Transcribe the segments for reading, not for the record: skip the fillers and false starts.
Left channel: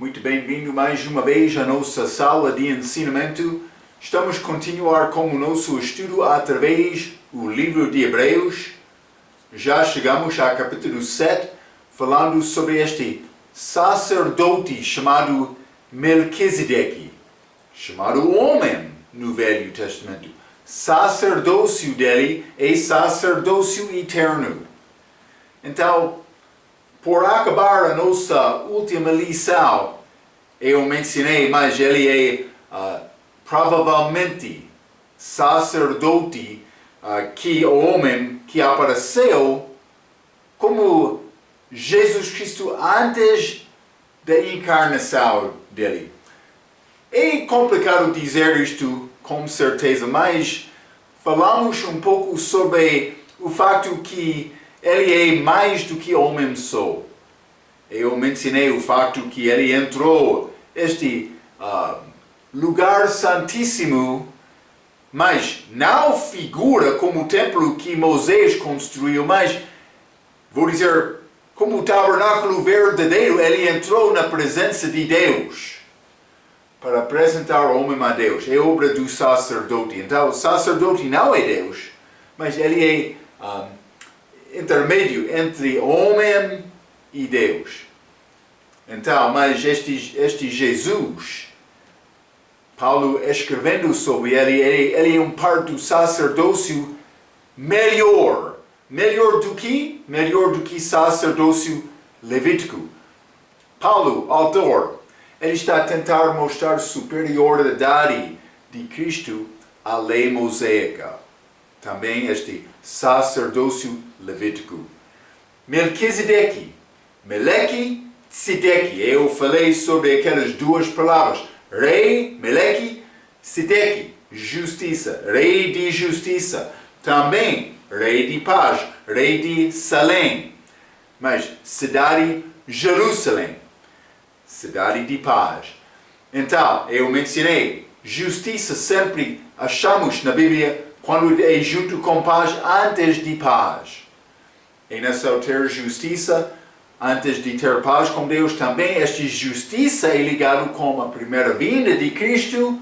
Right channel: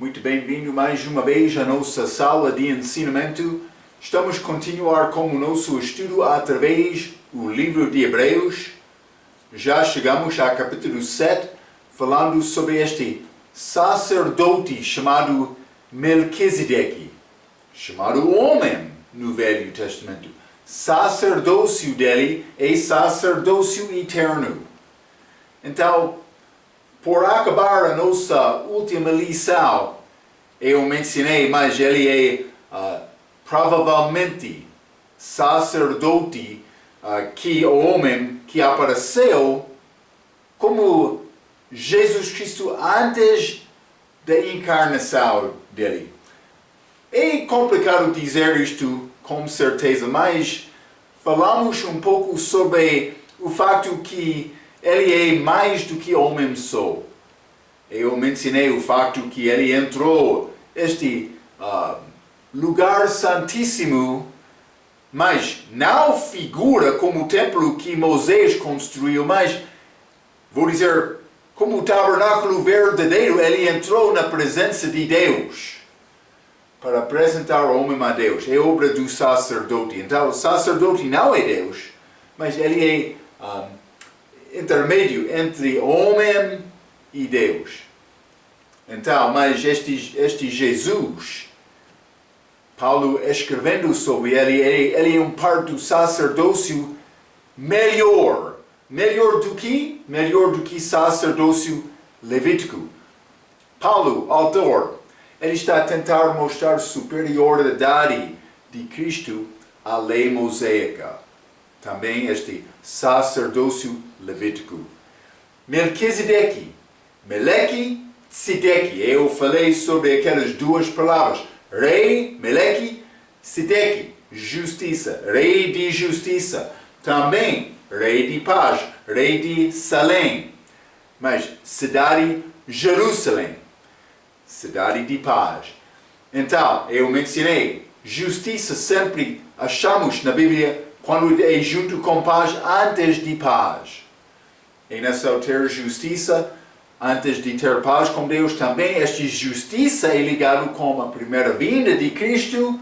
Muito bem-vindo mais uma vez à nossa sala de ensinamento. Estamos a continuar com o nosso estudo através do livro de Hebreus. Já chegamos ao capítulo 7, falando sobre este sacerdote chamado Melquisedeque, chamado homem no Velho Testamento. Sacerdócio dele é sacerdócio eterno. Então, por acabar a nossa última lição, eu mencionei, mas ele é provavelmente sacerdote que o homem que apareceu como Jesus Cristo antes da encarnação dele. É complicado dizer isto com certeza, mas falamos um pouco sobre o facto que ele é mais do que homem só. Eu mencionei o facto que ele entrou este lugar santíssimo, mas não figura como o templo que Moisés construiu, mas, vou dizer, como o tabernáculo verdadeiro, ele entrou na presença de Deus para apresentar o homem a Deus. É obra do sacerdote. Então, o sacerdote não é Deus, mas ele é intermédio entre homem e Deus. Então, mas este Jesus, Paulo escrevendo sobre ele é um parte do sacerdócio melhor. Melhor do que sacerdócio levítico. Paulo, autor, ele está a tentar mostrar a superioridade de Cristo à lei mosaica. Também este sacerdócio levítico. Melquisedeque, Meleque, Tzedeque. Eu falei sobre aquelas duas palavras. Rei, Meleque, Tzedeque, justiça. Rei de justiça. Também rei de paz. Rei de Salém. Mas cidade Jerusalém. Cidade de paz. Então, eu mencionei, justiça sempre achamos na Bíblia quando é junto com paz, antes de paz. É necessário ter justiça antes de ter paz com Deus. Também esta justiça é ligada com a primeira vinda de Cristo,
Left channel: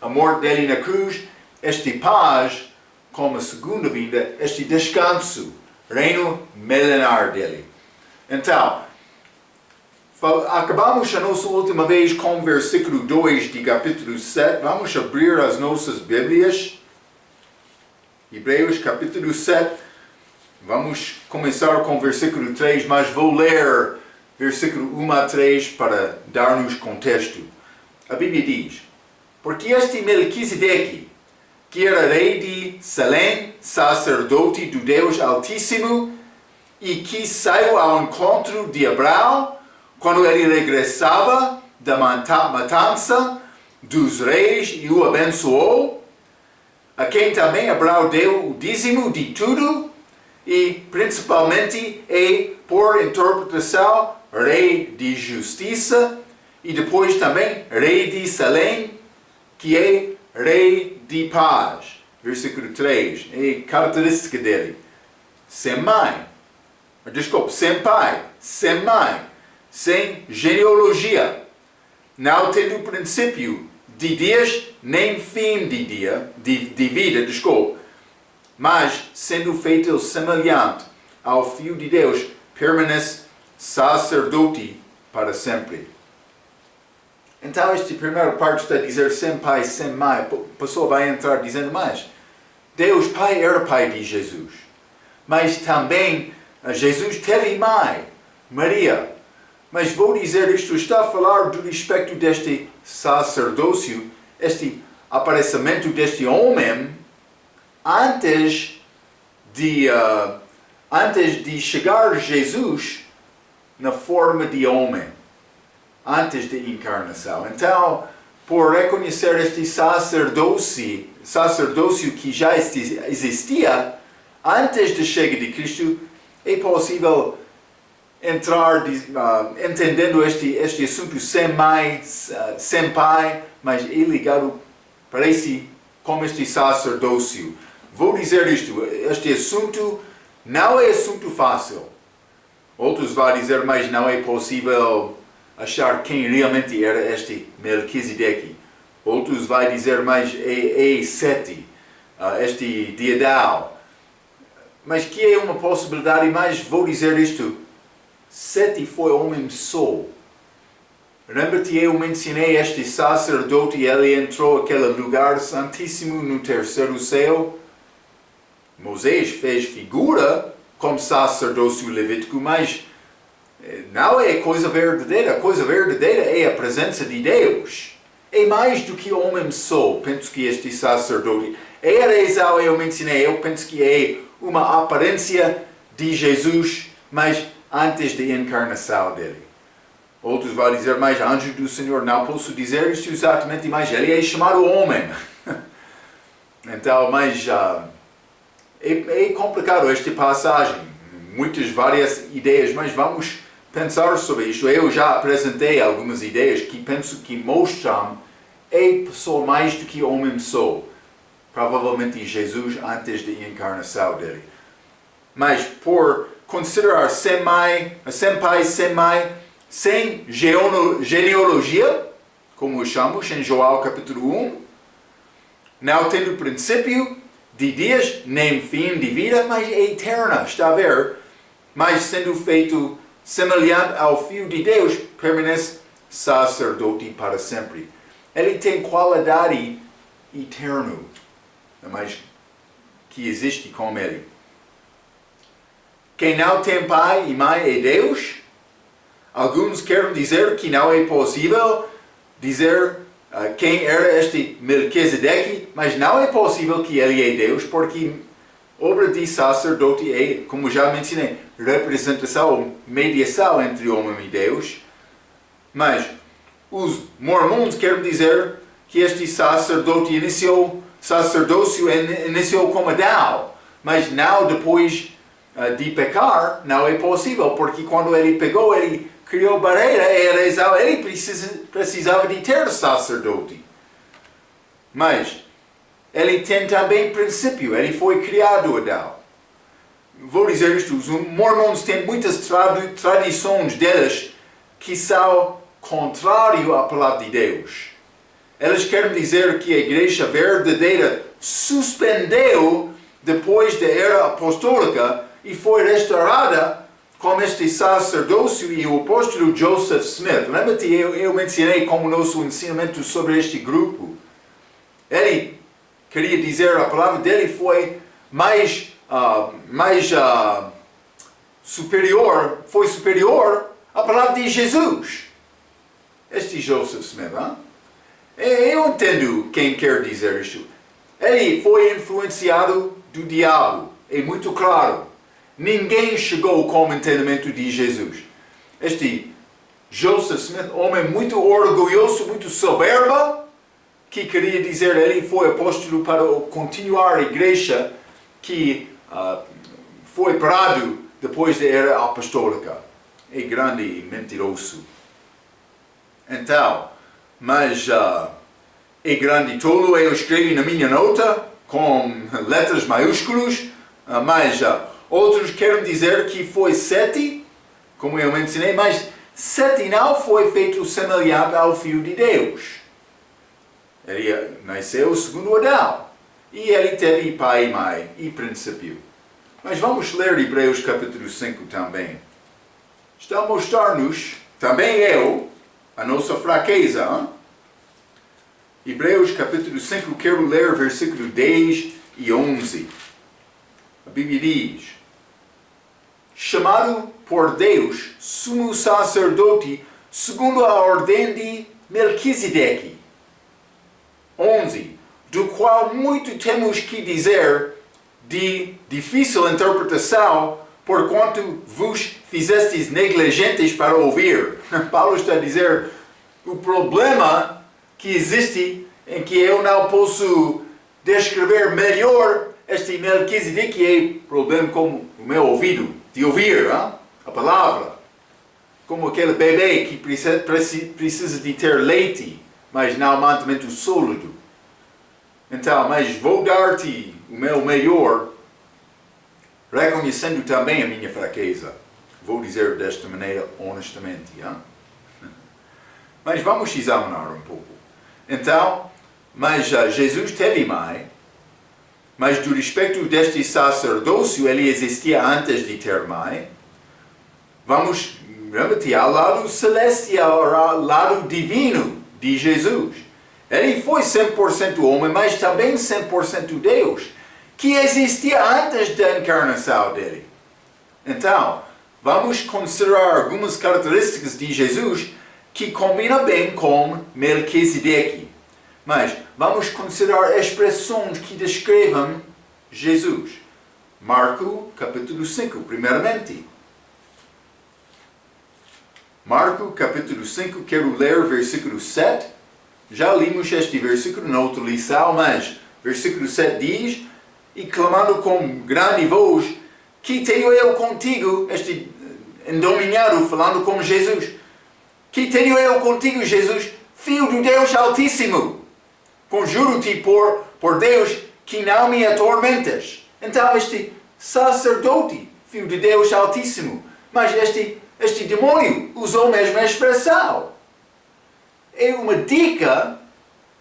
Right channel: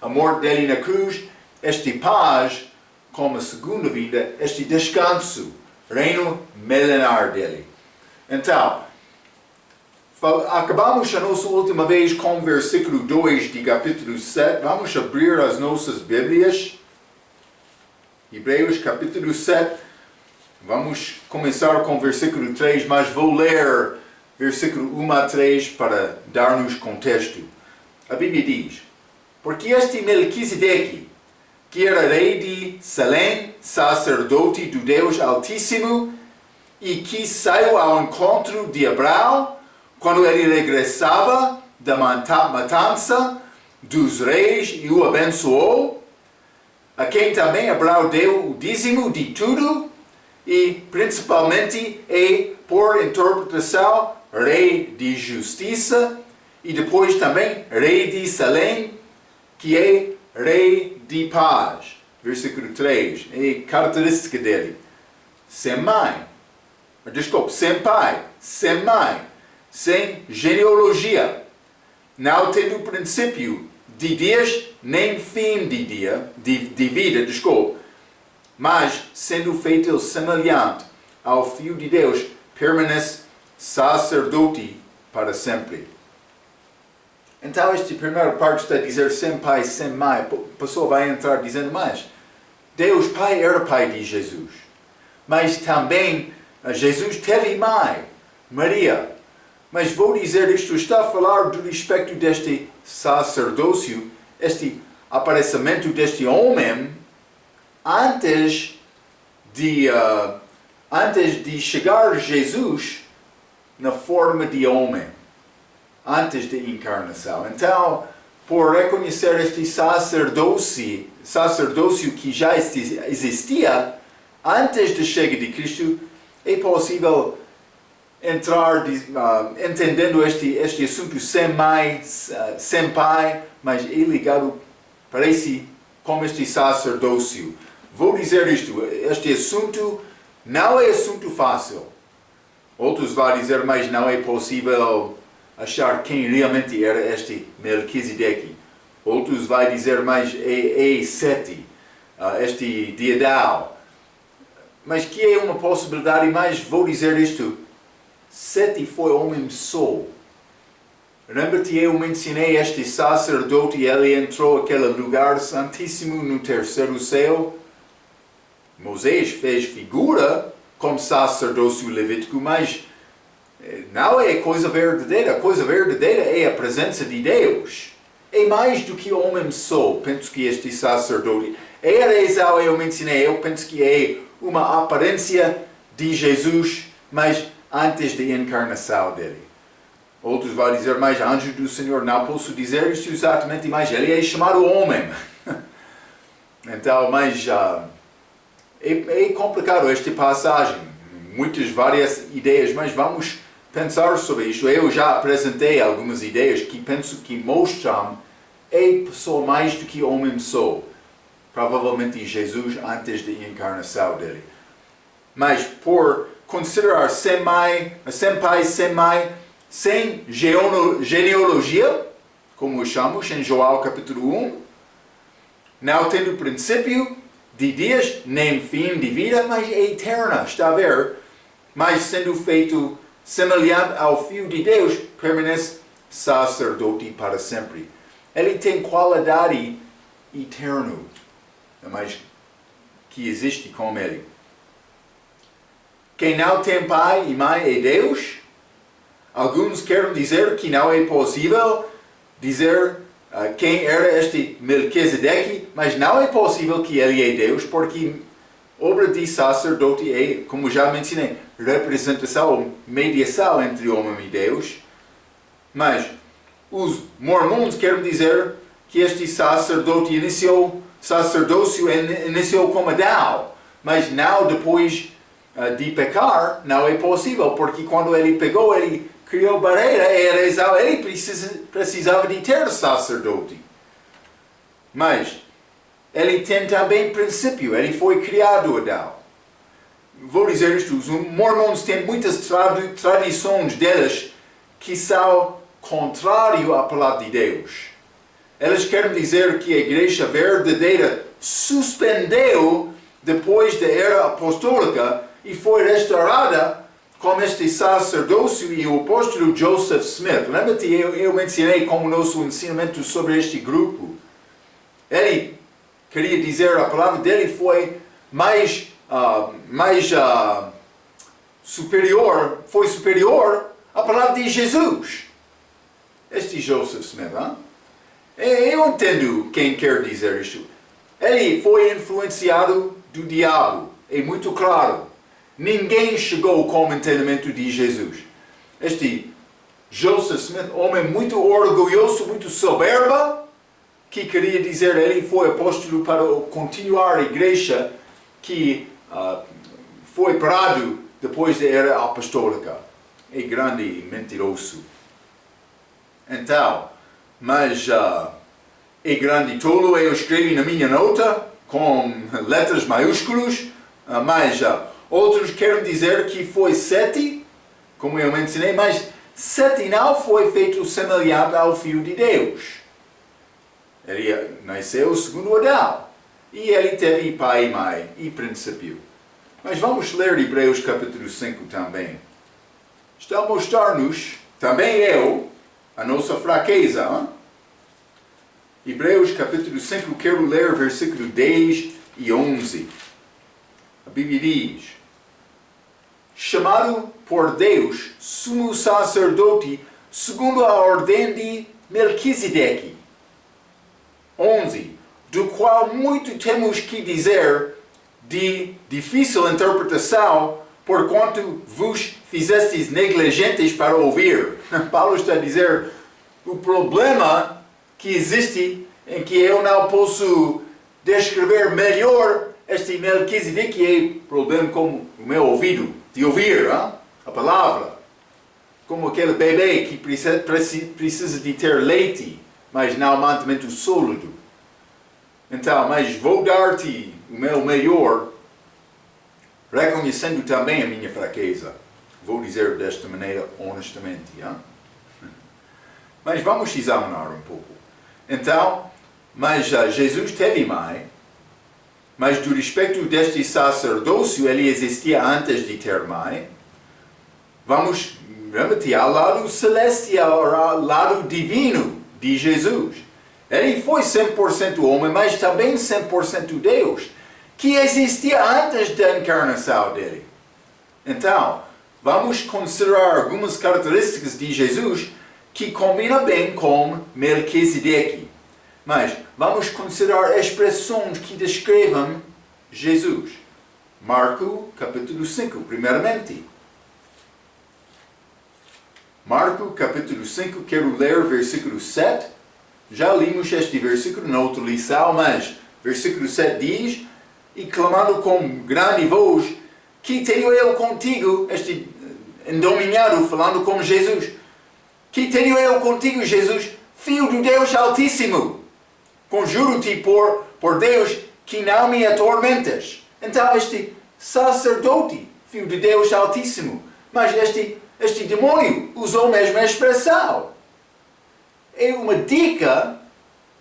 a morte dele na cruz. Esta paz com a segunda vinda, este descanso, reino milenar dele. Então, acabamos a nossa última vez com o versículo 2 de capítulo 7. Vamos abrir as nossas Bíblias. Hebreus capítulo 7. Vamos começar com o versículo 3, mas vou ler versículo 1 a 3 para dar-nos contexto. A Bíblia diz: porque este Melquisedeque, que era rei de Salém, sacerdote do Deus Altíssimo, e que saiu ao encontro de Abraão, quando ele regressava da matança dos reis e o abençoou, a quem também Abraão deu o dízimo de tudo, e principalmente é, por interpretação, rei de justiça, e depois também rei de Salém, que é rei de paz. Versículo 3, é característica dele. Sem pai, sem mãe, sem genealogia, não tendo princípio de dias, nem fim de vida, mas sendo feito semelhante ao Filho de Deus, permanece sacerdote para sempre. Então, esta primeira parte está a dizer sem pai, sem mãe. A pessoa vai entrar dizendo, mas Deus Pai era pai de Jesus. Mas também Jesus teve mãe, Maria. Mas vou dizer isto, está a falar do respeito deste sacerdócio, este aparecimento deste homem, antes de chegar Jesus na forma de homem, antes da encarnação. Então, por reconhecer este sacerdócio que já existia antes da chegada de Cristo, é possível entrar entendendo este assunto sem mãe, sem pai, mas é ligado, parece, com este sacerdócio. Vou dizer isto, este assunto não é assunto fácil. Outros vão dizer, mas não é possível achar quem realmente era este Melquisedeque. Outros vai dizer mais é Sete, este Diedal. Mas que é uma possibilidade, mas vou dizer isto. Sete foi homem só. Lembra-te, eu mencionei este sacerdote, ele entrou naquele lugar santíssimo no terceiro céu. Moisés fez figura como sacerdócio levítico, mas não é coisa verdadeira. A coisa verdadeira é a presença de Deus. É mais do que homem só, penso que este sacerdote. Ereizal eu mencionei, eu penso que é uma aparência de Jesus, mas antes da encarnação dele. Outros vão dizer, mas anjo do Senhor, não posso dizer isto exatamente, mas ele é chamado homem. Então, mas é complicado esta passagem. Muitas várias ideias, mas vamos pensar sobre isto. Eu já apresentei algumas ideias que penso que mostram é pessoa mais do que homem só. Provavelmente Jesus antes da encarnação dele. Mas por considerar sem pai, sem mãe, sem genealogia, como chamamos em João capítulo 1, não tendo princípio de dias, nem fim de vida, mas é eterna, está a ver? Mas sendo feito semelhante ao Filho de Deus, permanece sacerdote para sempre. Ele tem qualidade eterna, mas que existe com ele. Quem não tem pai e mãe é Deus. Alguns querem dizer que não é possível dizer quem era este Melquisedeque, mas não é possível que ele é Deus, porque obra de sacerdote é, como já mencionei, representação, mediação entre homem e Deus. Mas os mormons querem dizer que este sacerdócio iniciou como Adão, mas não depois de pecar, não é possível, porque quando ele pegou, ele criou barreira, ele precisava de ter sacerdote. Mas ele tem também princípio, ele foi criado Adão. Vou dizer isto, os mormons têm muitas tradições deles que são contrárias à palavra de Deus. Eles querem dizer que a igreja verdadeira suspendeu depois da era apostólica e foi restaurada com este sacerdócio e o apóstolo Joseph Smith. Lembra-te, eu mencionei como nosso ensinamento sobre este grupo. Ele queria dizer, a palavra dele foi mais superior à palavra de Jesus. Este Joseph Smith, hein? Eu entendo quem quer dizer isto. Ele foi influenciado do diabo, é muito claro. Ninguém chegou com o entendimento de Jesus. Este Joseph Smith, homem muito orgulhoso, muito soberbo, que queria dizer ele foi apóstolo para continuar a igreja que foi parado depois da era apostólica. É grande e mentiroso. Então, mas é grande tolo, eu escrevi na minha nota com letras maiúsculas, mas outros querem dizer que foi Sete, como eu mencionei, mas Sete não foi feito semelhante ao Filho de Deus. Ele nasceu segundo Adão, e ele teve pai e mãe e princípio. Mas vamos ler Hebreus capítulo 5 também. Está a mostrar-nos, também a nossa fraqueza. Hein? Hebreus capítulo 5, quero ler versículo 10 e 11. A Bíblia diz: chamado por Deus, sumo sacerdote, segundo a ordem de Melquisedeque. 11. Do qual muito temos que dizer, de difícil interpretação, porquanto vos fizestes negligentes para ouvir. Paulo está a dizer, o problema que existe em que eu não posso descrever melhor este Melquisedeque é problema como o meu ouvido, de ouvir a palavra. Como aquele bebê que precisa de ter leite, mas não mantimento sólido. Então, mas vou dar-te o meu melhor, reconhecendo também a minha fraqueza. Vou dizer desta maneira honestamente. Mas vamos examinar um pouco. Então, Jesus teve mãe, mas do respeito deste sacerdócio, ele existia antes de ter mãe. Vamos remeter ao lado celestial, ao lado divino de Jesus. Ele foi 100% homem, mas também 100% Deus, que existia antes da encarnação dele. Então, vamos considerar algumas características de Jesus que combinam bem com Melquisedeque. Mas vamos considerar expressões que descrevam Jesus. Marcos capítulo 5, primeiramente. Marcos capítulo 5, quero ler versículo 7. Já limos este versículo na outra lição, mas versículo 7 diz: e clamando com grande voz, que tenho eu contigo, este endominhado falando com Jesus, que tenho eu contigo, Jesus, Filho do Deus Altíssimo. Conjuro-te por Deus que não me atormentas. Então este sacerdote, Filho de Deus Altíssimo, mas este demônio usou a mesma expressão. É uma dica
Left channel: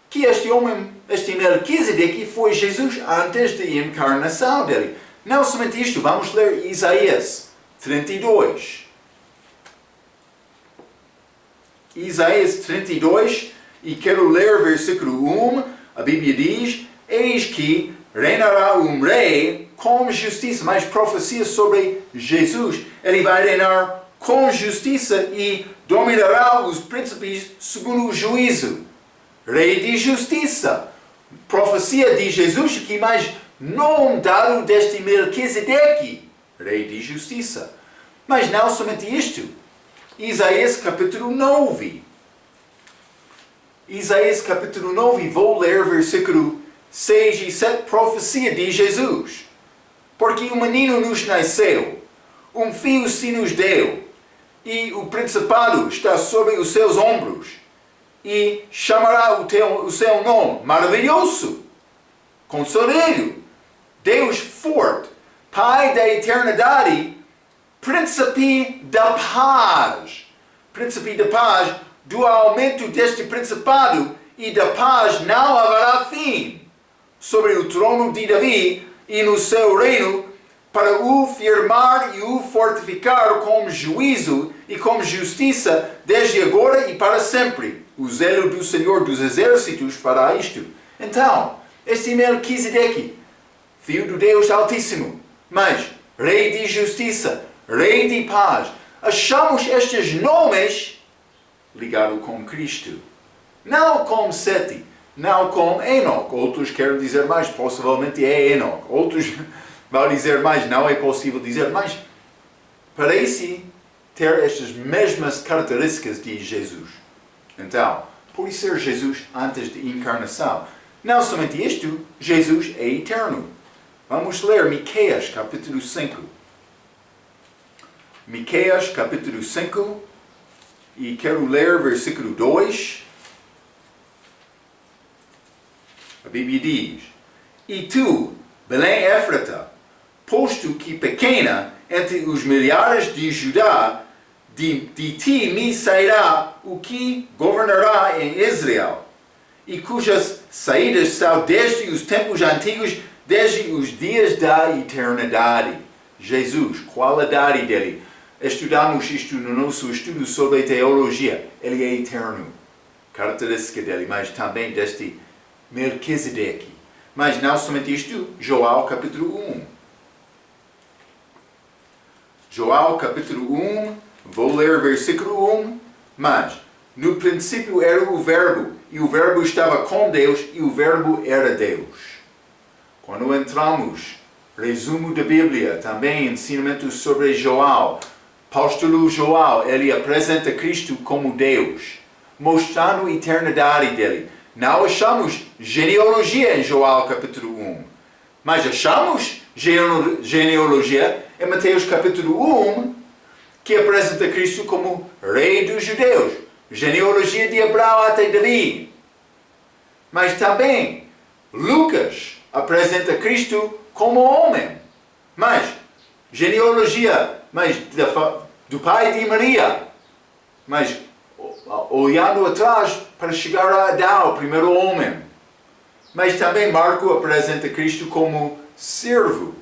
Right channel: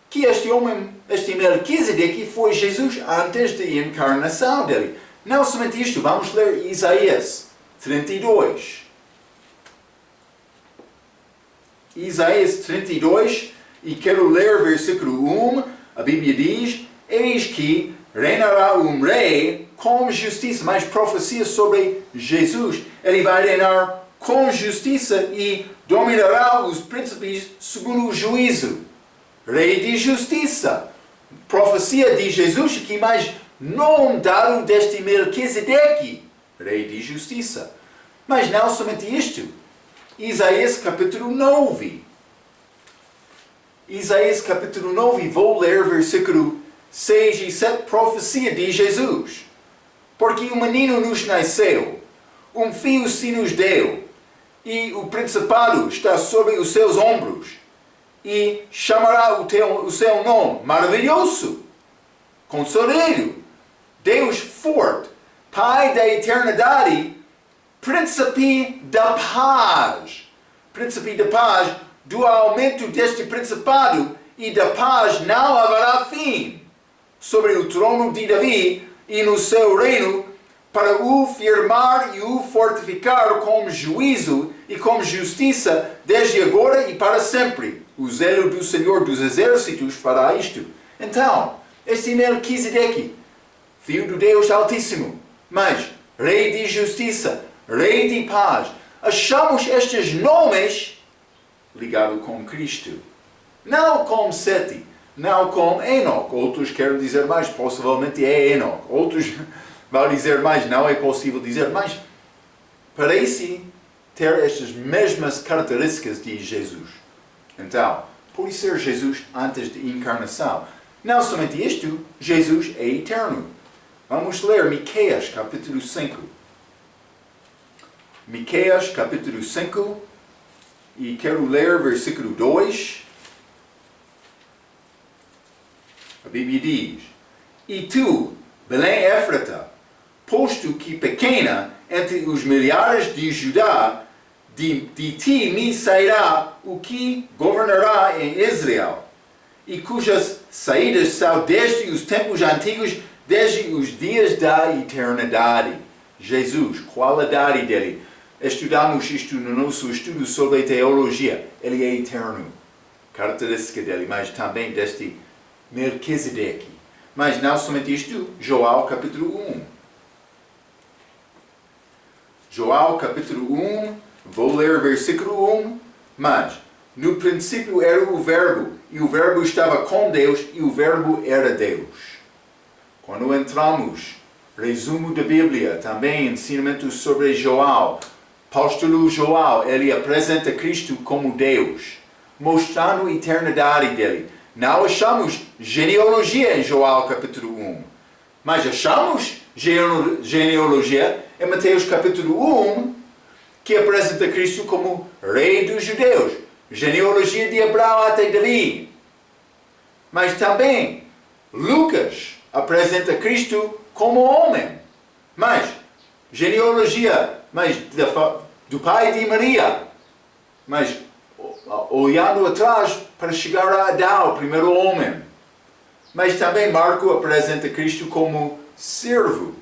que este homem, este Melquisedeque, foi Jesus antes da encarnação dele. Não somente isto, vamos ler Isaías 32. Isaías 32, e quero ler versículo 1, a Bíblia diz: eis que reinará um rei com justiça, mais profecia sobre Jesus. Ele vai reinar com justiça e dominará os príncipes segundo o juízo. Rei de justiça. Profecia de Jesus aqui, mas não dado deste Melquisedeque, rei de justiça. Mas não somente isto. Isaías capítulo 9. Isaías capítulo 9, vou ler versículo 6 e 7, profecia de Jesus. Porque um menino nos nasceu, um filho se nos deu, e o principado está sobre os seus ombros, e chamará o seu nome maravilhoso, conselheiro, Deus forte, Pai da eternidade, príncipe da paz. Príncipe da paz, do aumento deste principado e da paz não haverá fim, sobre o trono de Davi e no seu reino, para o firmar e o fortificar com juízo e com justiça, desde agora e para sempre. O zelo do Senhor dos Exércitos fará isto. Então, este Melquisedeque, Filho do Deus Altíssimo, mas Rei de Justiça, Rei de Paz, achamos estes nomes ligados com Cristo. Não com Sete, não com Enoque. Outros querem dizer mais, possivelmente é Enoque. Outros vão dizer mais, não é possível dizer mais. Parece ter estas mesmas características de Jesus. Então, por ser Jesus antes da encarnação, não somente isto, Jesus é eterno. Vamos ler Miqueias capítulo 5. Miqueias capítulo 5, e quero ler versículo 2. A Bíblia diz: e tu, Belém Éfrata, posto que pequena entre os milhares de Judá, de ti me sairá o que governará em Israel, e cujas saídas são desde os tempos antigos, desde os dias da eternidade. Jesus, qualidade dele. Estudamos isto no nosso estudo sobre teologia. Ele é eterno. Característica dele, mas também deste Melquisedeque. Mas não somente isto, João capítulo 1. João capítulo 1, vou ler versículo 1. Mas, no princípio era o Verbo, e o Verbo estava com Deus, e o Verbo era Deus. Quando entramos, resumo da Bíblia, também ensinamentos sobre João, apóstolo João, ele apresenta Cristo como Deus, mostrando a eternidade dele. Não achamos genealogia em João capítulo 1, mas achamos genealogia em Mateus capítulo 1, que apresenta Cristo como Rei dos Judeus, genealogia de Abraão até Davi. Mas também Lucas apresenta Cristo como homem, mas genealogia do pai de Maria, mas olhando atrás para chegar a Adão, o primeiro homem. Mas também Marco apresenta Cristo como servo.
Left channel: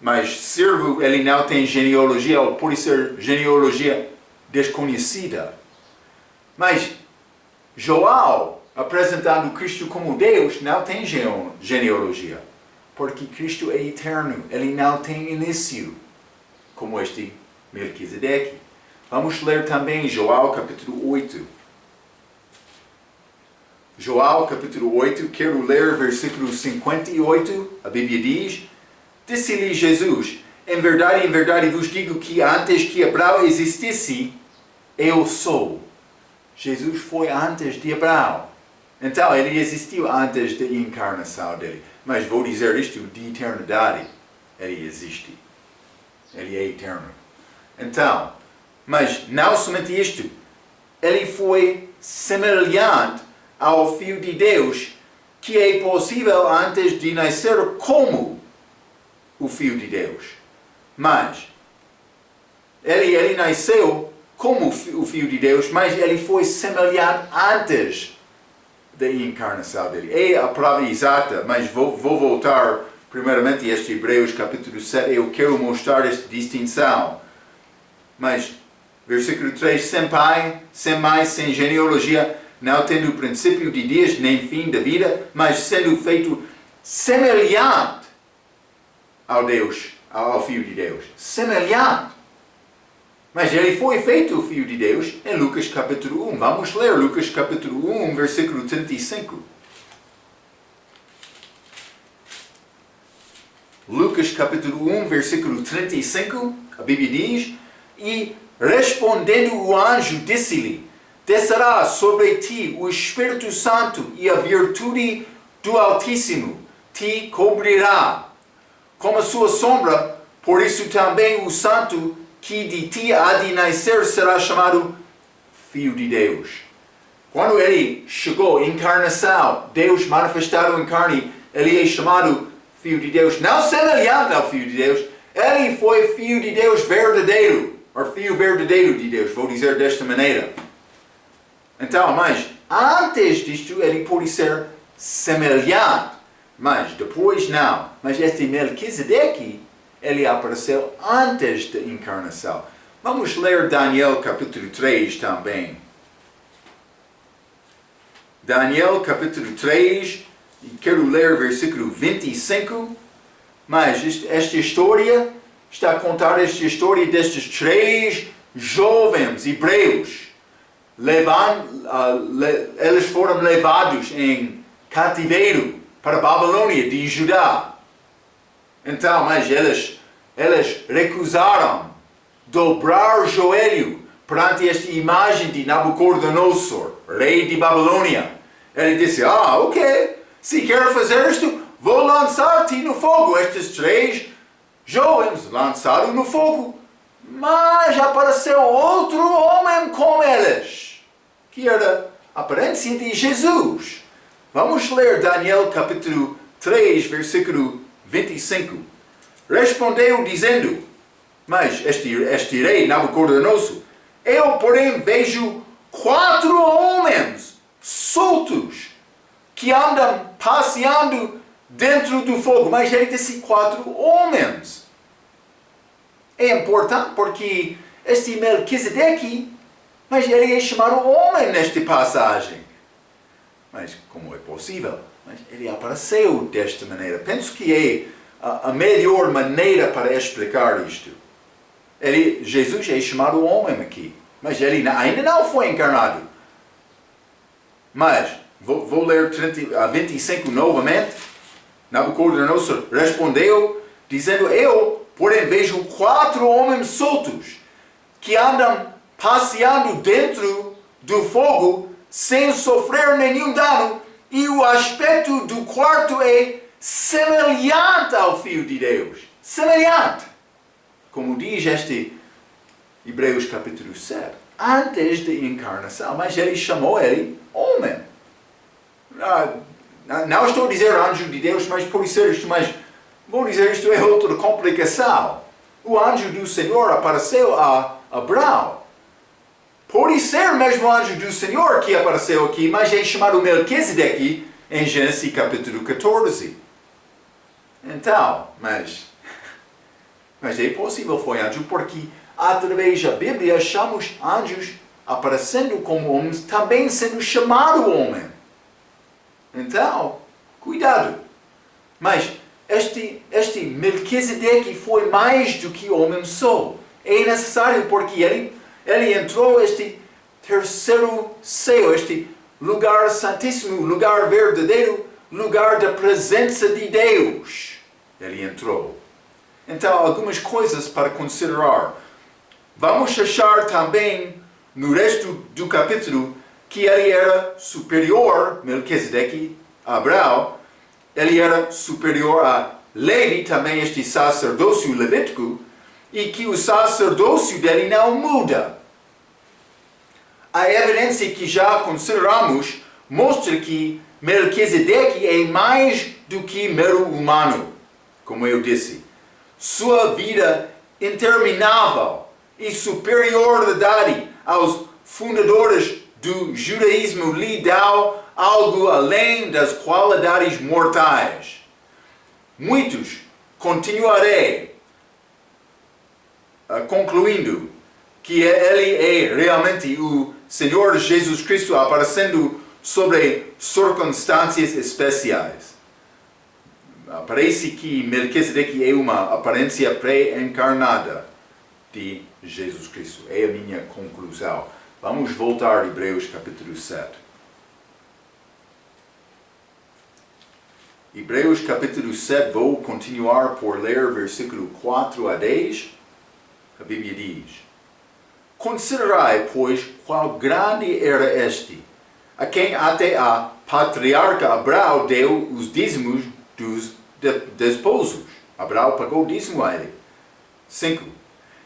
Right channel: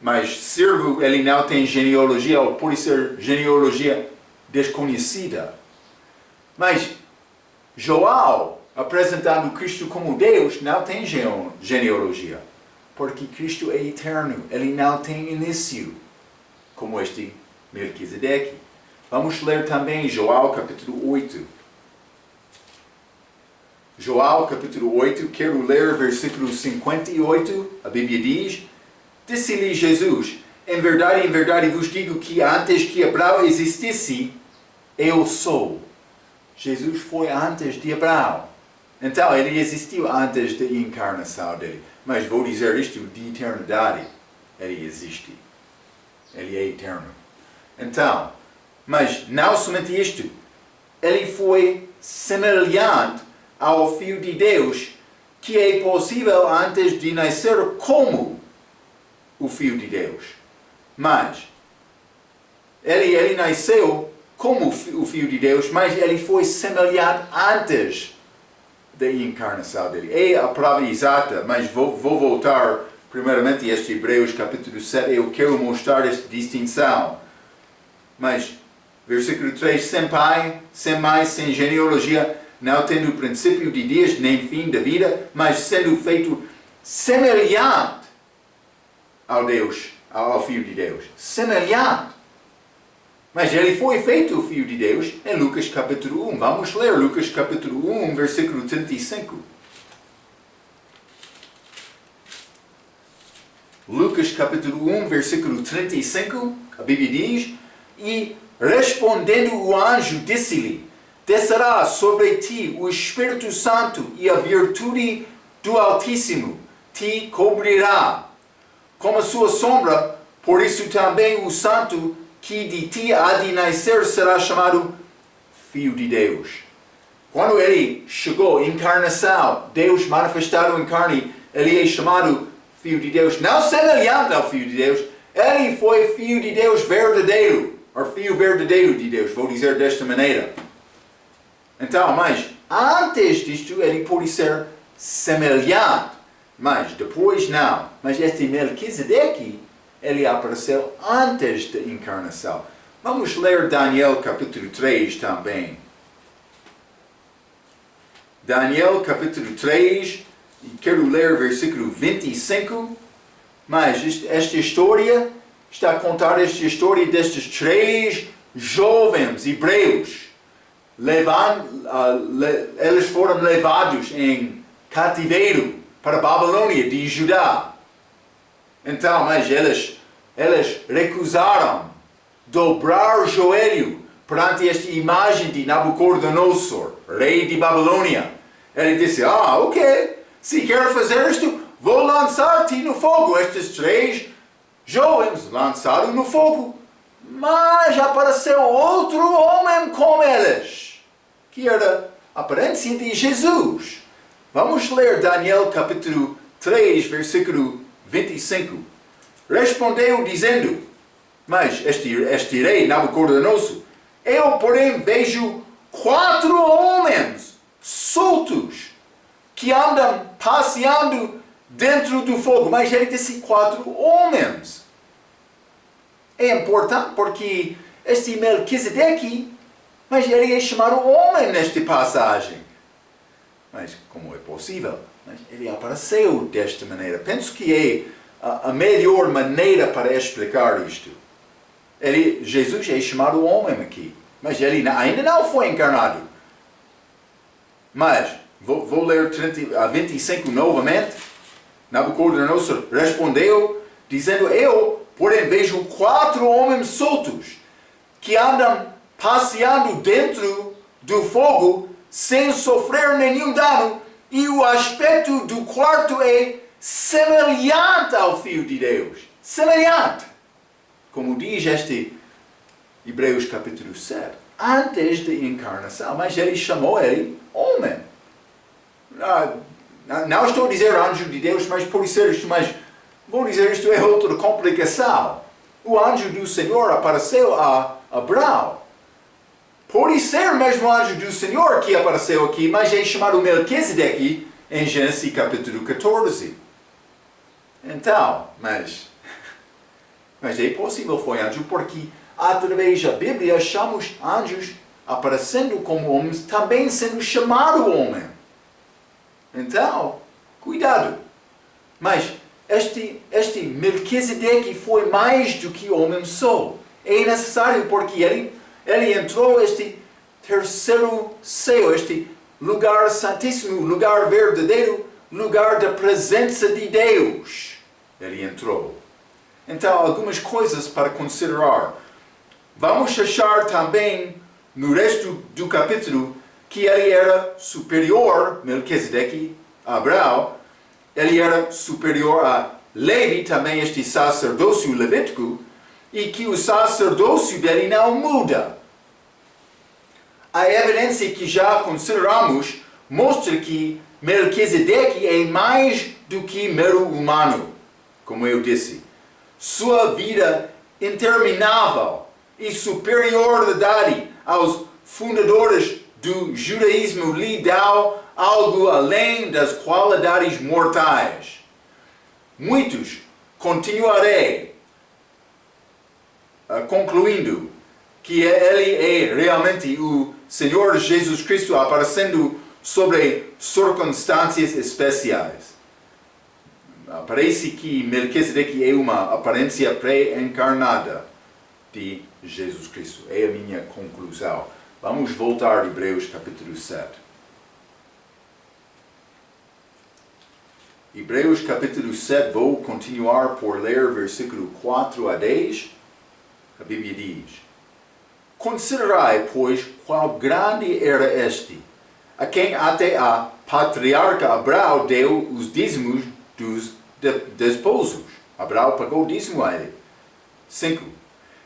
Mas servo, ele não tem genealogia, ou pode ser genealogia desconhecida. Mas João, apresentando Cristo como Deus, não tem genealogia. Porque Cristo é eterno, ele não tem início, como este Melquisedeque. Vamos ler também João capítulo 8. João capítulo 8, quero ler versículo 58, a Bíblia diz: Disse-lhe Jesus, em verdade vos digo que antes que Abraão existisse, eu sou. Jesus foi antes de Abraão. Então, ele existiu antes da encarnação dele. Mas vou dizer isto de eternidade. Ele existe. Ele é eterno. Então, mas não somente isto. Ele foi semelhante ao Filho de Deus, que é possível antes de nascer como o Filho de Deus. Mas, ele nasceu como o Filho de Deus, mas ele foi semelhante antes da encarnação dele. É a palavra exata, mas vou voltar primeiramente a este Hebreus capítulo 7. Eu quero mostrar esta distinção. Mas, versículo 3, sem pai, sem mãe, sem genealogia, não tendo princípio de dias, nem fim da vida, mas sendo feito semelhante ao Deus, ao Filho de Deus. Semelhante. Mas ele foi feito o Filho de Deus em Lucas capítulo 1. Vamos ler Lucas capítulo 1, versículo 35. Lucas capítulo 1, versículo 35, a Bíblia diz: E respondendo o anjo, disse-lhe: Descerá sobre ti o Espírito Santo e a virtude do Altíssimo te cobrirá como a sua sombra, por isso também o Santo que de ti há de nascer será chamado Filho de Deus. Quando ele chegou, encarnação, Deus manifestado em carne, ele é chamado Filho de Deus, não semelhante ao Filho de Deus, ele foi Filho de Deus verdadeiro, ou Filho verdadeiro de Deus, vou dizer desta maneira. Então, mas antes disto ele pode ser semelhante, mas depois não. Mas este Melquisedeque, ele apareceu antes da encarnação. Vamos ler Daniel capítulo 3 também. Daniel capítulo 3, e quero ler versículo 25. Mas esta história está a contar esta história destes 3 jovens hebreus. Eles foram levados em cativeiro para a Babilônia de Judá. Então, mas eles recusaram dobrar o joelho perante esta imagem de Nabucodonosor, rei de Babilônia. Ele disse: ok, se quer fazer isto, vou lançar-te no fogo. Estes 3 jovens lançaram no fogo. Mas apareceu outro homem com eles, que era a aparência de Jesus. Vamos ler Daniel capítulo 3, versículo 25. Respondeu dizendo, mas este rei Nabucodonosor, eu porém vejo 4 homens soltos que andam passeando dentro do fogo. Mas ele disse 4 homens. É importante porque este Melquisedeque, mas ele é chamado homem nesta passagem. Mas como é possível? Mas ele apareceu desta maneira. Penso que é a melhor maneira para explicar isto. Jesus é chamado homem aqui, mas ele ainda não foi encarnado. Mas, vou ler 25 novamente. Nabucodonosor respondeu, dizendo, eu, porém, vejo 4 homens soltos, que andam passeando dentro do fogo, sem sofrer nenhum dano, e o aspecto do quarto é semelhante ao Filho de Deus. Semelhante. Como diz este Hebreus capítulo 7. Antes da encarnação. Mas ele chamou ele homem. Não estou a dizer anjo de Deus, mas por ser isto, mas vou dizer isto é outra complicação. O anjo do Senhor apareceu a Abraão. Pode ser o mesmo anjo do Senhor que apareceu aqui, mas é chamado Melquisedeque em Gênesis capítulo 14. Então, mas é possível foi anjo porque através da Bíblia achamos anjos aparecendo como homens, também sendo chamado homem. Então, cuidado. Mas este Melquisedeque foi mais do que homem só. É necessário porque ele entrou este terceiro céu, este lugar santíssimo, lugar verdadeiro, lugar da presença de Deus. Ele entrou. Então, algumas coisas para considerar. Vamos achar também, no resto do capítulo, que ele era superior, Melquisedeque, a Abraão, ele era superior a Levi, também este sacerdócio levítico, e que o sacerdócio dele não muda. A evidência que já consideramos mostra que Melquisedeque é mais do que mero humano, como eu disse. Sua vida interminável e superioridade aos fundadores do judaísmo lhe dá algo além das qualidades mortais. Muitos continuarei concluindo que ele é realmente o Senhor Jesus Cristo aparecendo sobre circunstâncias especiais. Parece que Melquisedeque é uma aparência pré-encarnada de Jesus Cristo. É a minha conclusão. Vamos voltar a Hebreus capítulo 7. Hebreus capítulo 7, vou continuar por ler versículo 4 a 10. A Bíblia diz: Considerai, pois, qual grande era este, a quem até a patriarca Abraão deu os dízimos dos desposos. Abraão pagou o dízimo a ele. 5.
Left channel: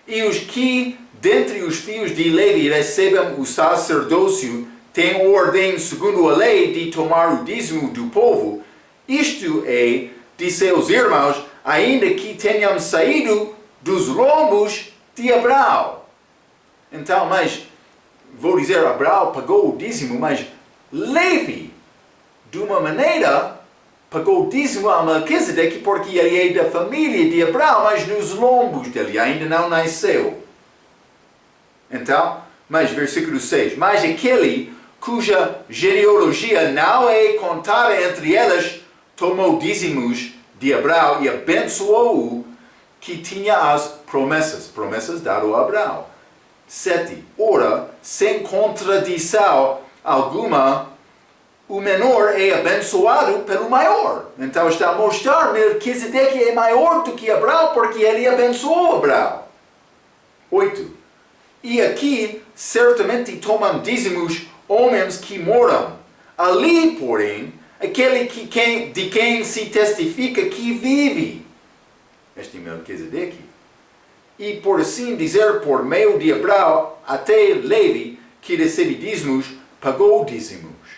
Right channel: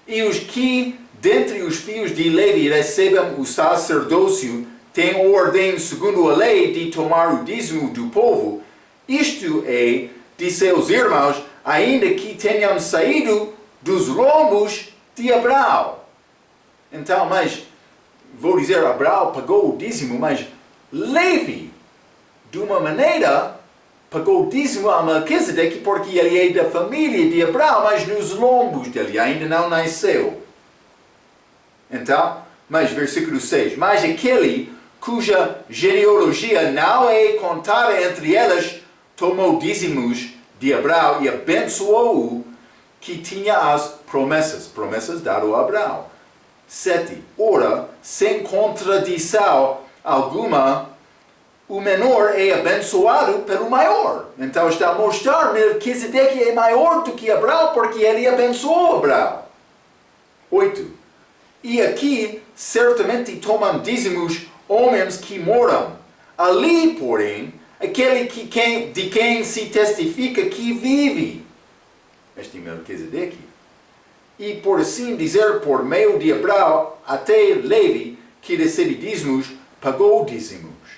E os que, dentre os filhos de Levi, recebem o sacerdócio, têm ordem, segundo a lei, de tomar o dízimo do povo, isto é, de seus irmãos, ainda que tenham saído dos lombos de Abraão. Então, mas, vou dizer, Abraão pagou o dízimo, mas Levi, de uma maneira, pagou o dízimo a Melquisedeque porque ele é da família de Abraão, mas nos lombos dele ainda não nasceu. Então, mas versículo 6, mas aquele cuja genealogia não é contada entre elas, tomou dízimos de Abraão e abençoou-o que tinha as promessas dado a Abraão. 7. Ora, sem contradição alguma, o menor é abençoado pelo maior. Então está a mostrar que Melquisedeque é maior do que Abraão porque ele abençoou Abraão. 8. E aqui certamente tomam dízimos homens que moram. Ali, porém, aquele de quem se testifica que vive. Este Melquisedeque. E por assim dizer, por meio de Abraão, até Levi, que recebe dízimos, pagou dízimos.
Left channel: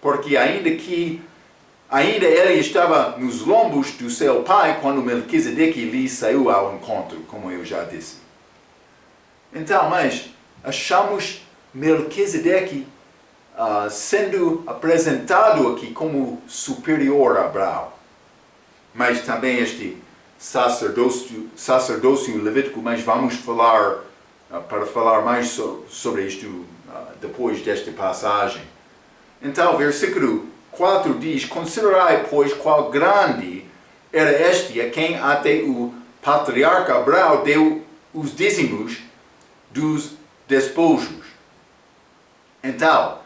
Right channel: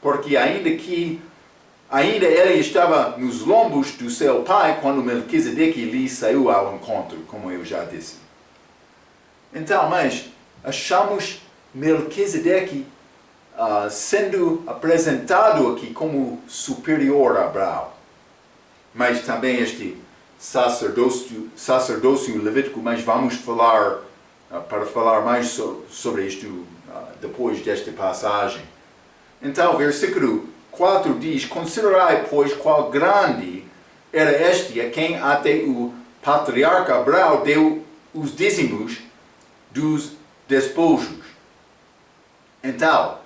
Porque ainda ele estava nos lombos do seu pai, quando Melquisedeque lhe saiu ao encontro, como eu já disse. Então, mas achamos Melquisedeque sendo apresentado aqui como superior a Abraão. Mas também este sacerdócio levítico, mas vamos falar, para falar mais sobre isto depois desta passagem. Então, versículo 4 diz: Considerai, pois, qual grande era este a quem até o patriarca Abraão deu os dízimos dos despojos. Então,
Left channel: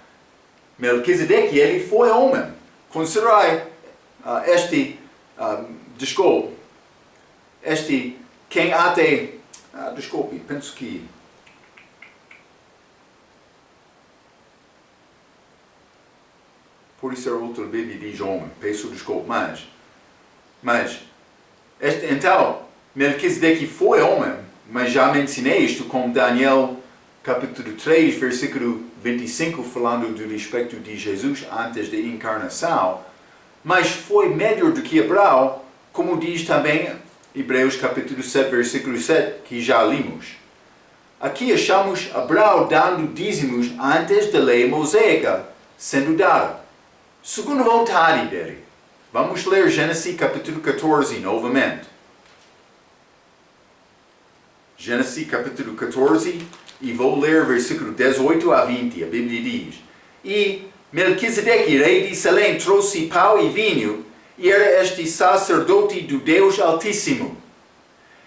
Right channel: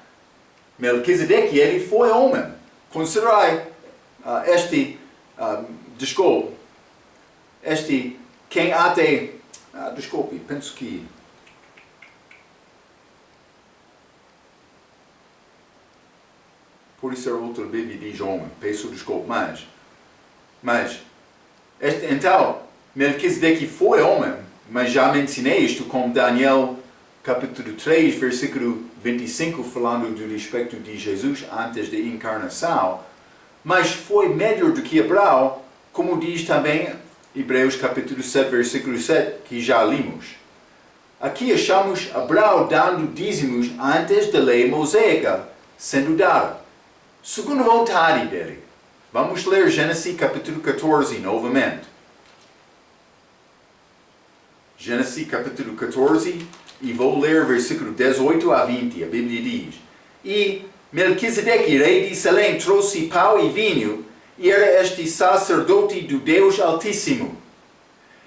Melquisedeque, ele foi homem. Considerai quem até, desculpe, penso que por isso outra Bíblia diz homem, peço desculpa, mas então, Melquisedeque foi homem, mas já mencionei isto com Daniel capítulo 3, versículo 25, falando do respeito de Jesus antes da encarnação, mas foi melhor do que Abraão, como diz também Hebreus capítulo 7, versículo 7, que já lemos. aqui achamos Abraão dando dízimos antes da lei mosaica sendo dada, segundo a vontade dele. Vamos ler Gênesis capítulo 14 novamente. Gênesis capítulo 14, e vou ler versículo 18 a 20. A Bíblia diz: E Melquisedeque, rei de Salém, trouxe pão e vinho, e era este sacerdote do Deus Altíssimo.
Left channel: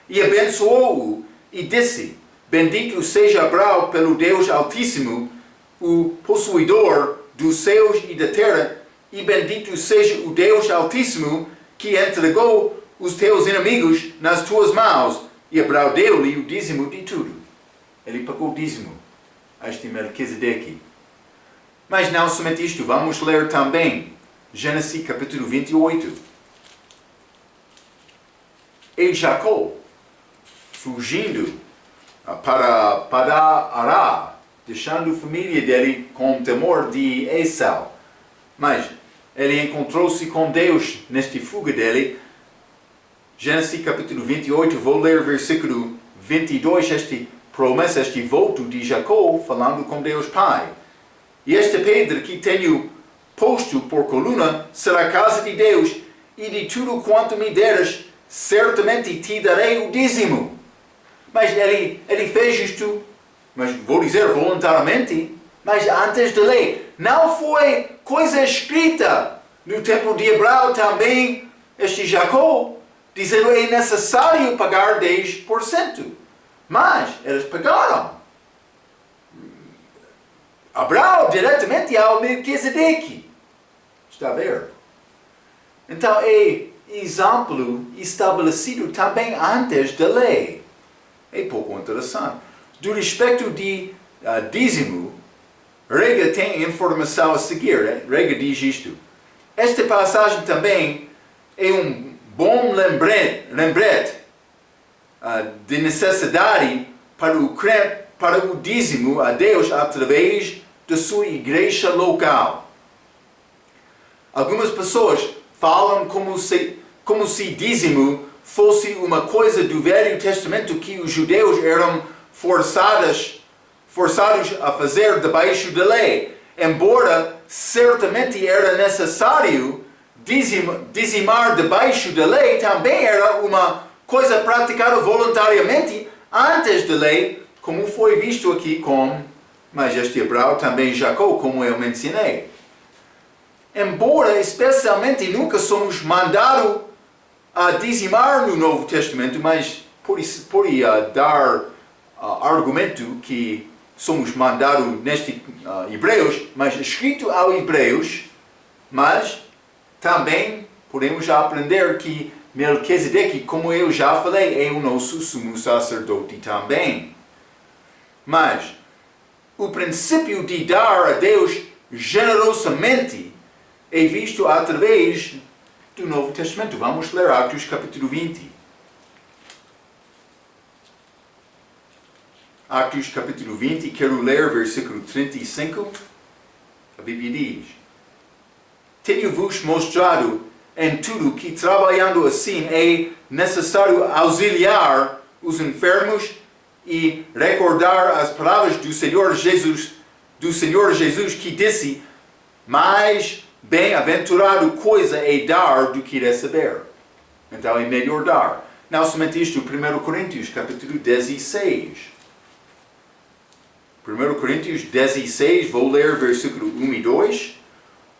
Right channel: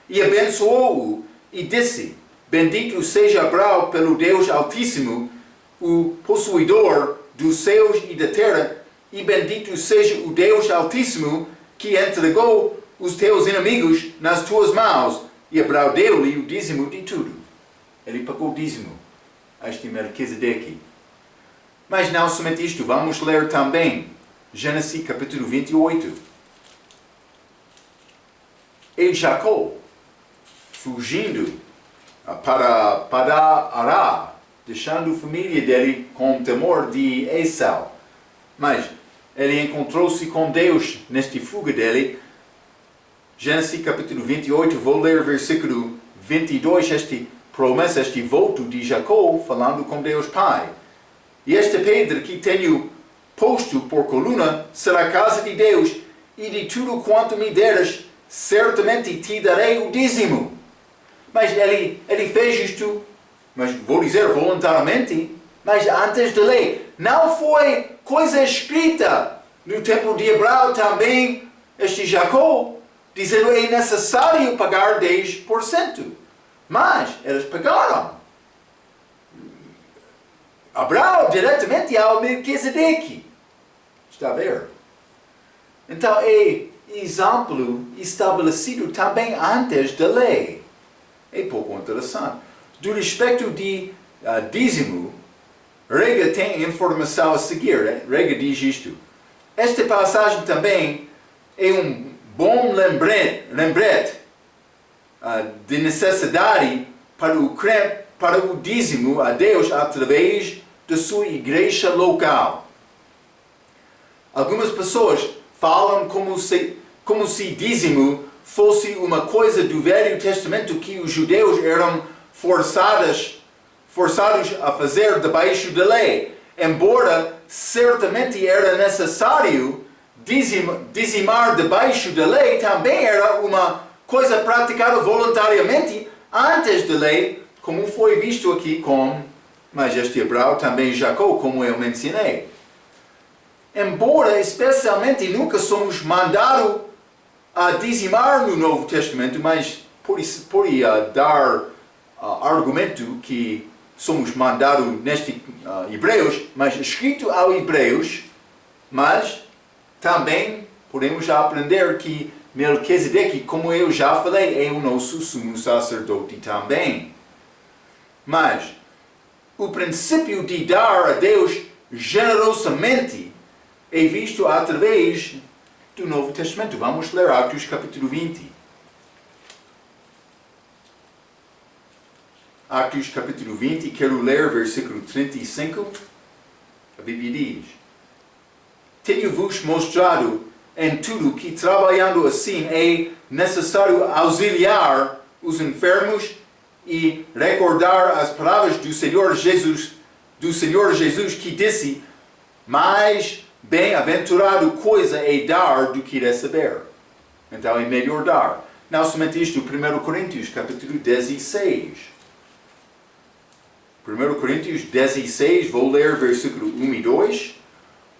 E abençoou-o, e disse: Bendito seja Abraão pelo Deus Altíssimo, o possuidor dos céus e da terra, e bendito seja o Deus Altíssimo, que entregou os teus inimigos nas tuas mãos. E Abraão deu-lhe o dízimo de tudo. Ele pagou o dízimo a este Melquisedeque. Mas não somente isto, vamos ler também Gênesis capítulo 28. E Jacó, fugindo para Ará, deixando a família dele com temor de Esau. Mas ele encontrou-se com Deus nesta fuga dele. Gênesis capítulo 28, vou ler versículo 22, esta promessa, este voto de Jacó, falando com Deus Pai. E esta pedra que tenho posto por coluna será a casa de Deus, e de tudo quanto me deres, certamente te darei o dízimo. Mas ele fez isto, mas vou dizer voluntariamente, mas antes da lei. Não foi coisa escrita. No tempo de Abraão também, este Jacó, dizendo é necessário pagar 10%. Mas eles pagaram. Abraão diretamente ao Melquisedeque. Está a ver? Então é exemplo estabelecido também antes da lei. É pouco interessante. Do respeito de dízimo, Rega tem informação a seguir. Rega diz isto: esta passagem também é um bom lembrete de necessidade para o crente, para o dízimo a Deus através da sua igreja local. Algumas pessoas falam como se dízimo fosse uma coisa do Velho Testamento que os judeus eram forçados a fazer debaixo da lei. Embora certamente era necessário dizimar debaixo da lei, também era uma coisa praticada voluntariamente antes da lei, como foi visto aqui mas este Abraão também Jacó, como eu mencionei. Embora especialmente nunca somos mandados a dizimar no Novo Testamento, mas por dar argumento que somos mandados neste Hebreus, mas escrito ao Hebreus, mas também podemos aprender que Melquisedeque, como eu já falei, é o nosso sumo sacerdote também. Mas o princípio de dar a Deus generosamente é visto através do Novo Testamento. Vamos ler Atos capítulo 20. Atos capítulo 20, quero ler versículo 35. A Bíblia diz: Tenho-vos mostrado em tudo que trabalhando assim é necessário auxiliar os enfermos e recordar as palavras do Senhor Jesus que disse: mais bem-aventurado coisa é dar do que receber. Então é melhor dar. Não somente isto, 1 Coríntios capítulo 16. 1 Coríntios 16, vou ler versículo 1 e 2.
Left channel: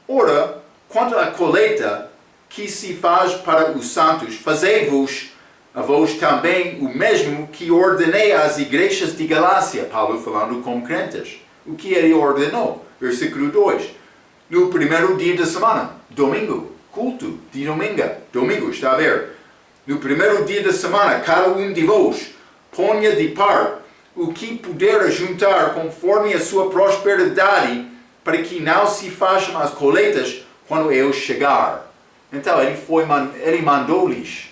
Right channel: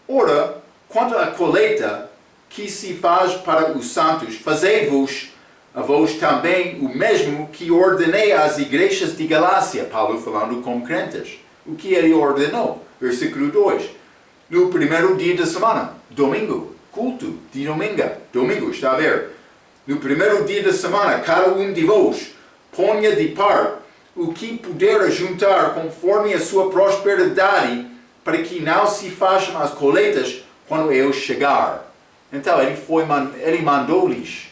Ora, quanto à colheita que se faz para os santos, fazei-vos a vós também o mesmo que ordenei às igrejas de Galácia. Paulo falando com crentes. O que ele ordenou? Versículo 2. No primeiro dia da semana, domingo, culto de domingo, está a ver? No primeiro dia da semana, cada um de vós ponha de parte o que puder juntar conforme a sua prosperidade, para que não se façam as colheitas quando eu chegar. Então ele mandou-lhes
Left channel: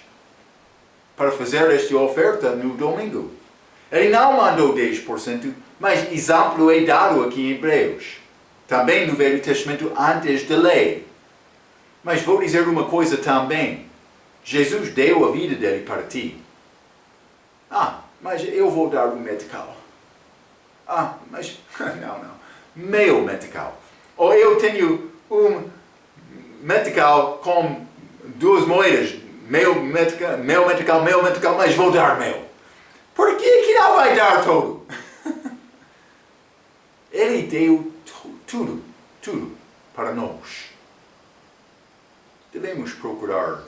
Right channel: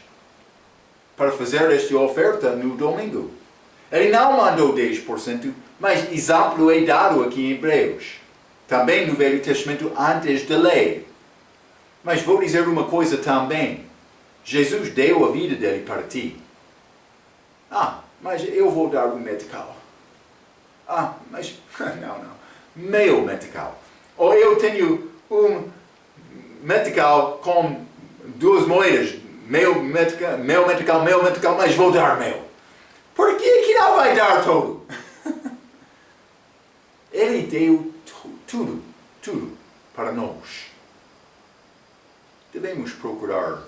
para fazer esta oferta no domingo. Ele não mandou 10%, mas exemplo é dado aqui em Hebreus. Também no Velho Testamento antes da lei. Mas vou dizer uma coisa também. Jesus deu a vida dele para ti. Mas eu vou dar o medical. Mas não. Meio metical. Ou eu tenho metical com 2 moedas. Meio metical, mas vou dar meio. Por que não vai dar todo? Ele deu tudo para nós. Devemos procurar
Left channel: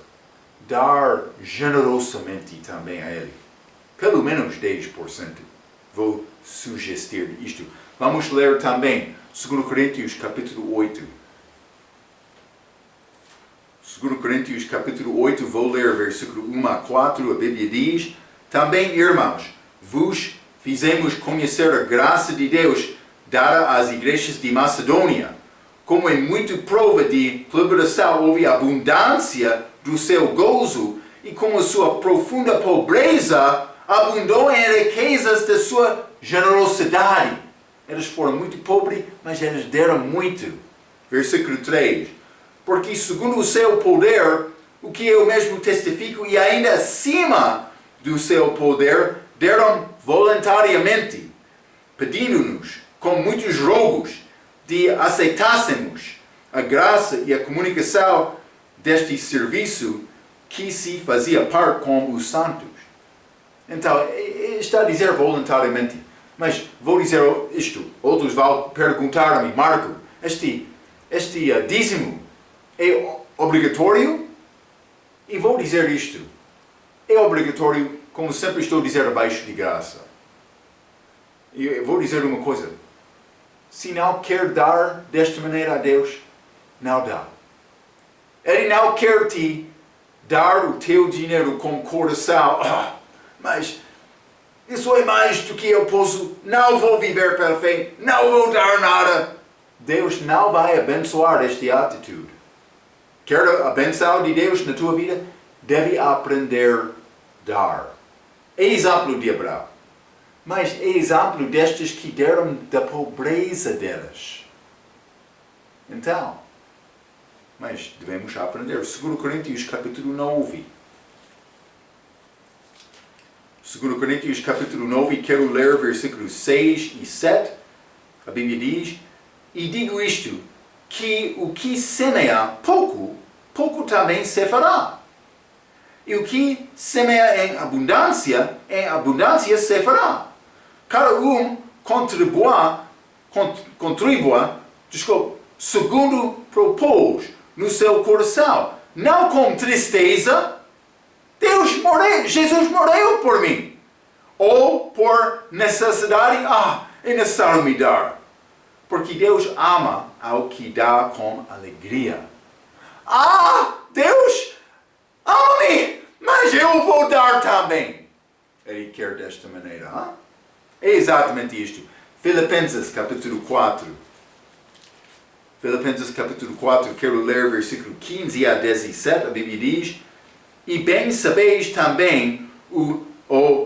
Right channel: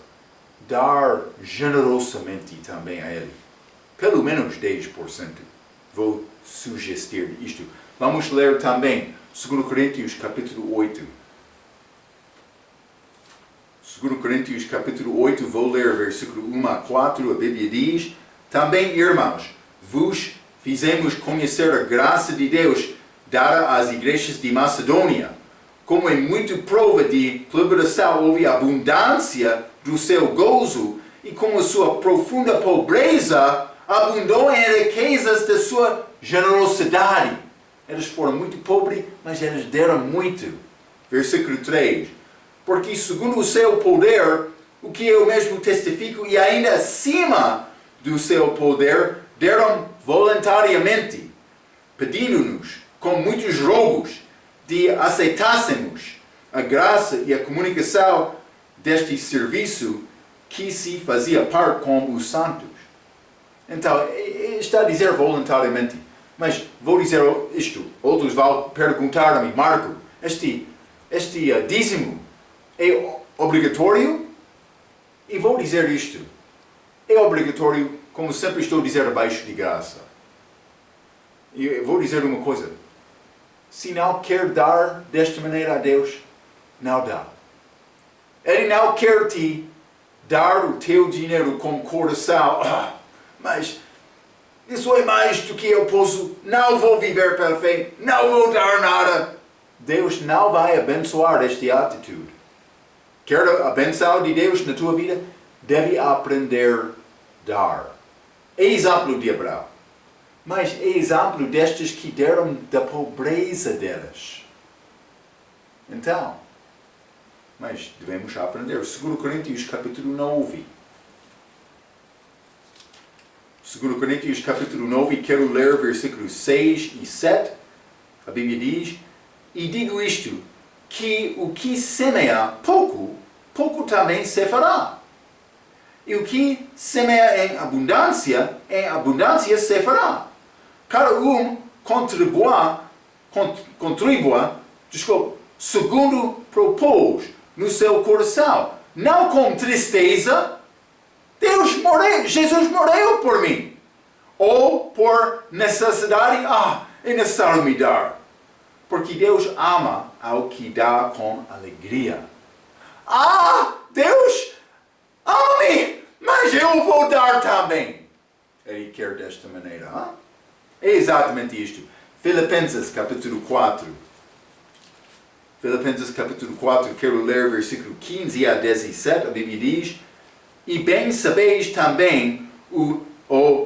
dar generosamente também a Ele. Pelo menos 10%. Vou sugerir isto. Vamos ler também 2 Coríntios capítulo 8. 2 Coríntios capítulo 8, vou ler versículo 1 a 4. A Bíblia diz: também, irmãos, vos fizemos conhecer a graça de Deus dada às igrejas de Macedônia. Como em muito prova de liberação houve abundância do seu gozo, e como a sua profunda pobreza abundou em riquezas da sua generosidade. Eles foram muito pobres, mas eles deram muito. Versículo 3. Porque segundo o seu poder, o que eu mesmo testifico, e ainda acima do seu poder, deram voluntariamente, pedindo-nos, com muitos rogos, de aceitássemos a graça e a comunicação deste serviço que se fazia parte com os santos. Então, está a dizer voluntariamente. Mas vou dizer isto. Outros vão perguntar a mim: Marco, este dízimo é obrigatório? E vou dizer isto. É obrigatório, como sempre estou a dizer, abaixo de graça. E eu vou dizer uma coisa. Se não quer dar desta maneira a Deus, não dá. Ele não quer te dar o teu dinheiro com coração. Mas isso é mais do que eu posso. Não vou viver pela fé. Não vou dar nada. Deus não vai abençoar esta atitude. Quer a bênção de Deus na tua vida? Deve aprender a dar. É exemplo de Abraão. Mas é exemplo destes que deram da pobreza delas. Então, mas devemos aprender. 2 Coríntios capítulo 9. 2 Coríntios capítulo 9, quero ler versículos 6 e 7. A Bíblia diz: e digo isto, que o que semeia pouco, pouco também se fará. E o que semeia em abundância se fará. Cada um contribua, segundo propôs no seu coração, não com tristeza. Jesus morreu por mim. Ou por necessidade, é necessário me dar. Porque Deus ama ao que dá com alegria. Deus ama-me, mas eu vou dar também. Ele quer desta maneira. É exatamente isto. Filipenses capítulo 4. Filipenses capítulo 4, quero ler versículo 15 a 17. A Bíblia diz: e bem sabeis também,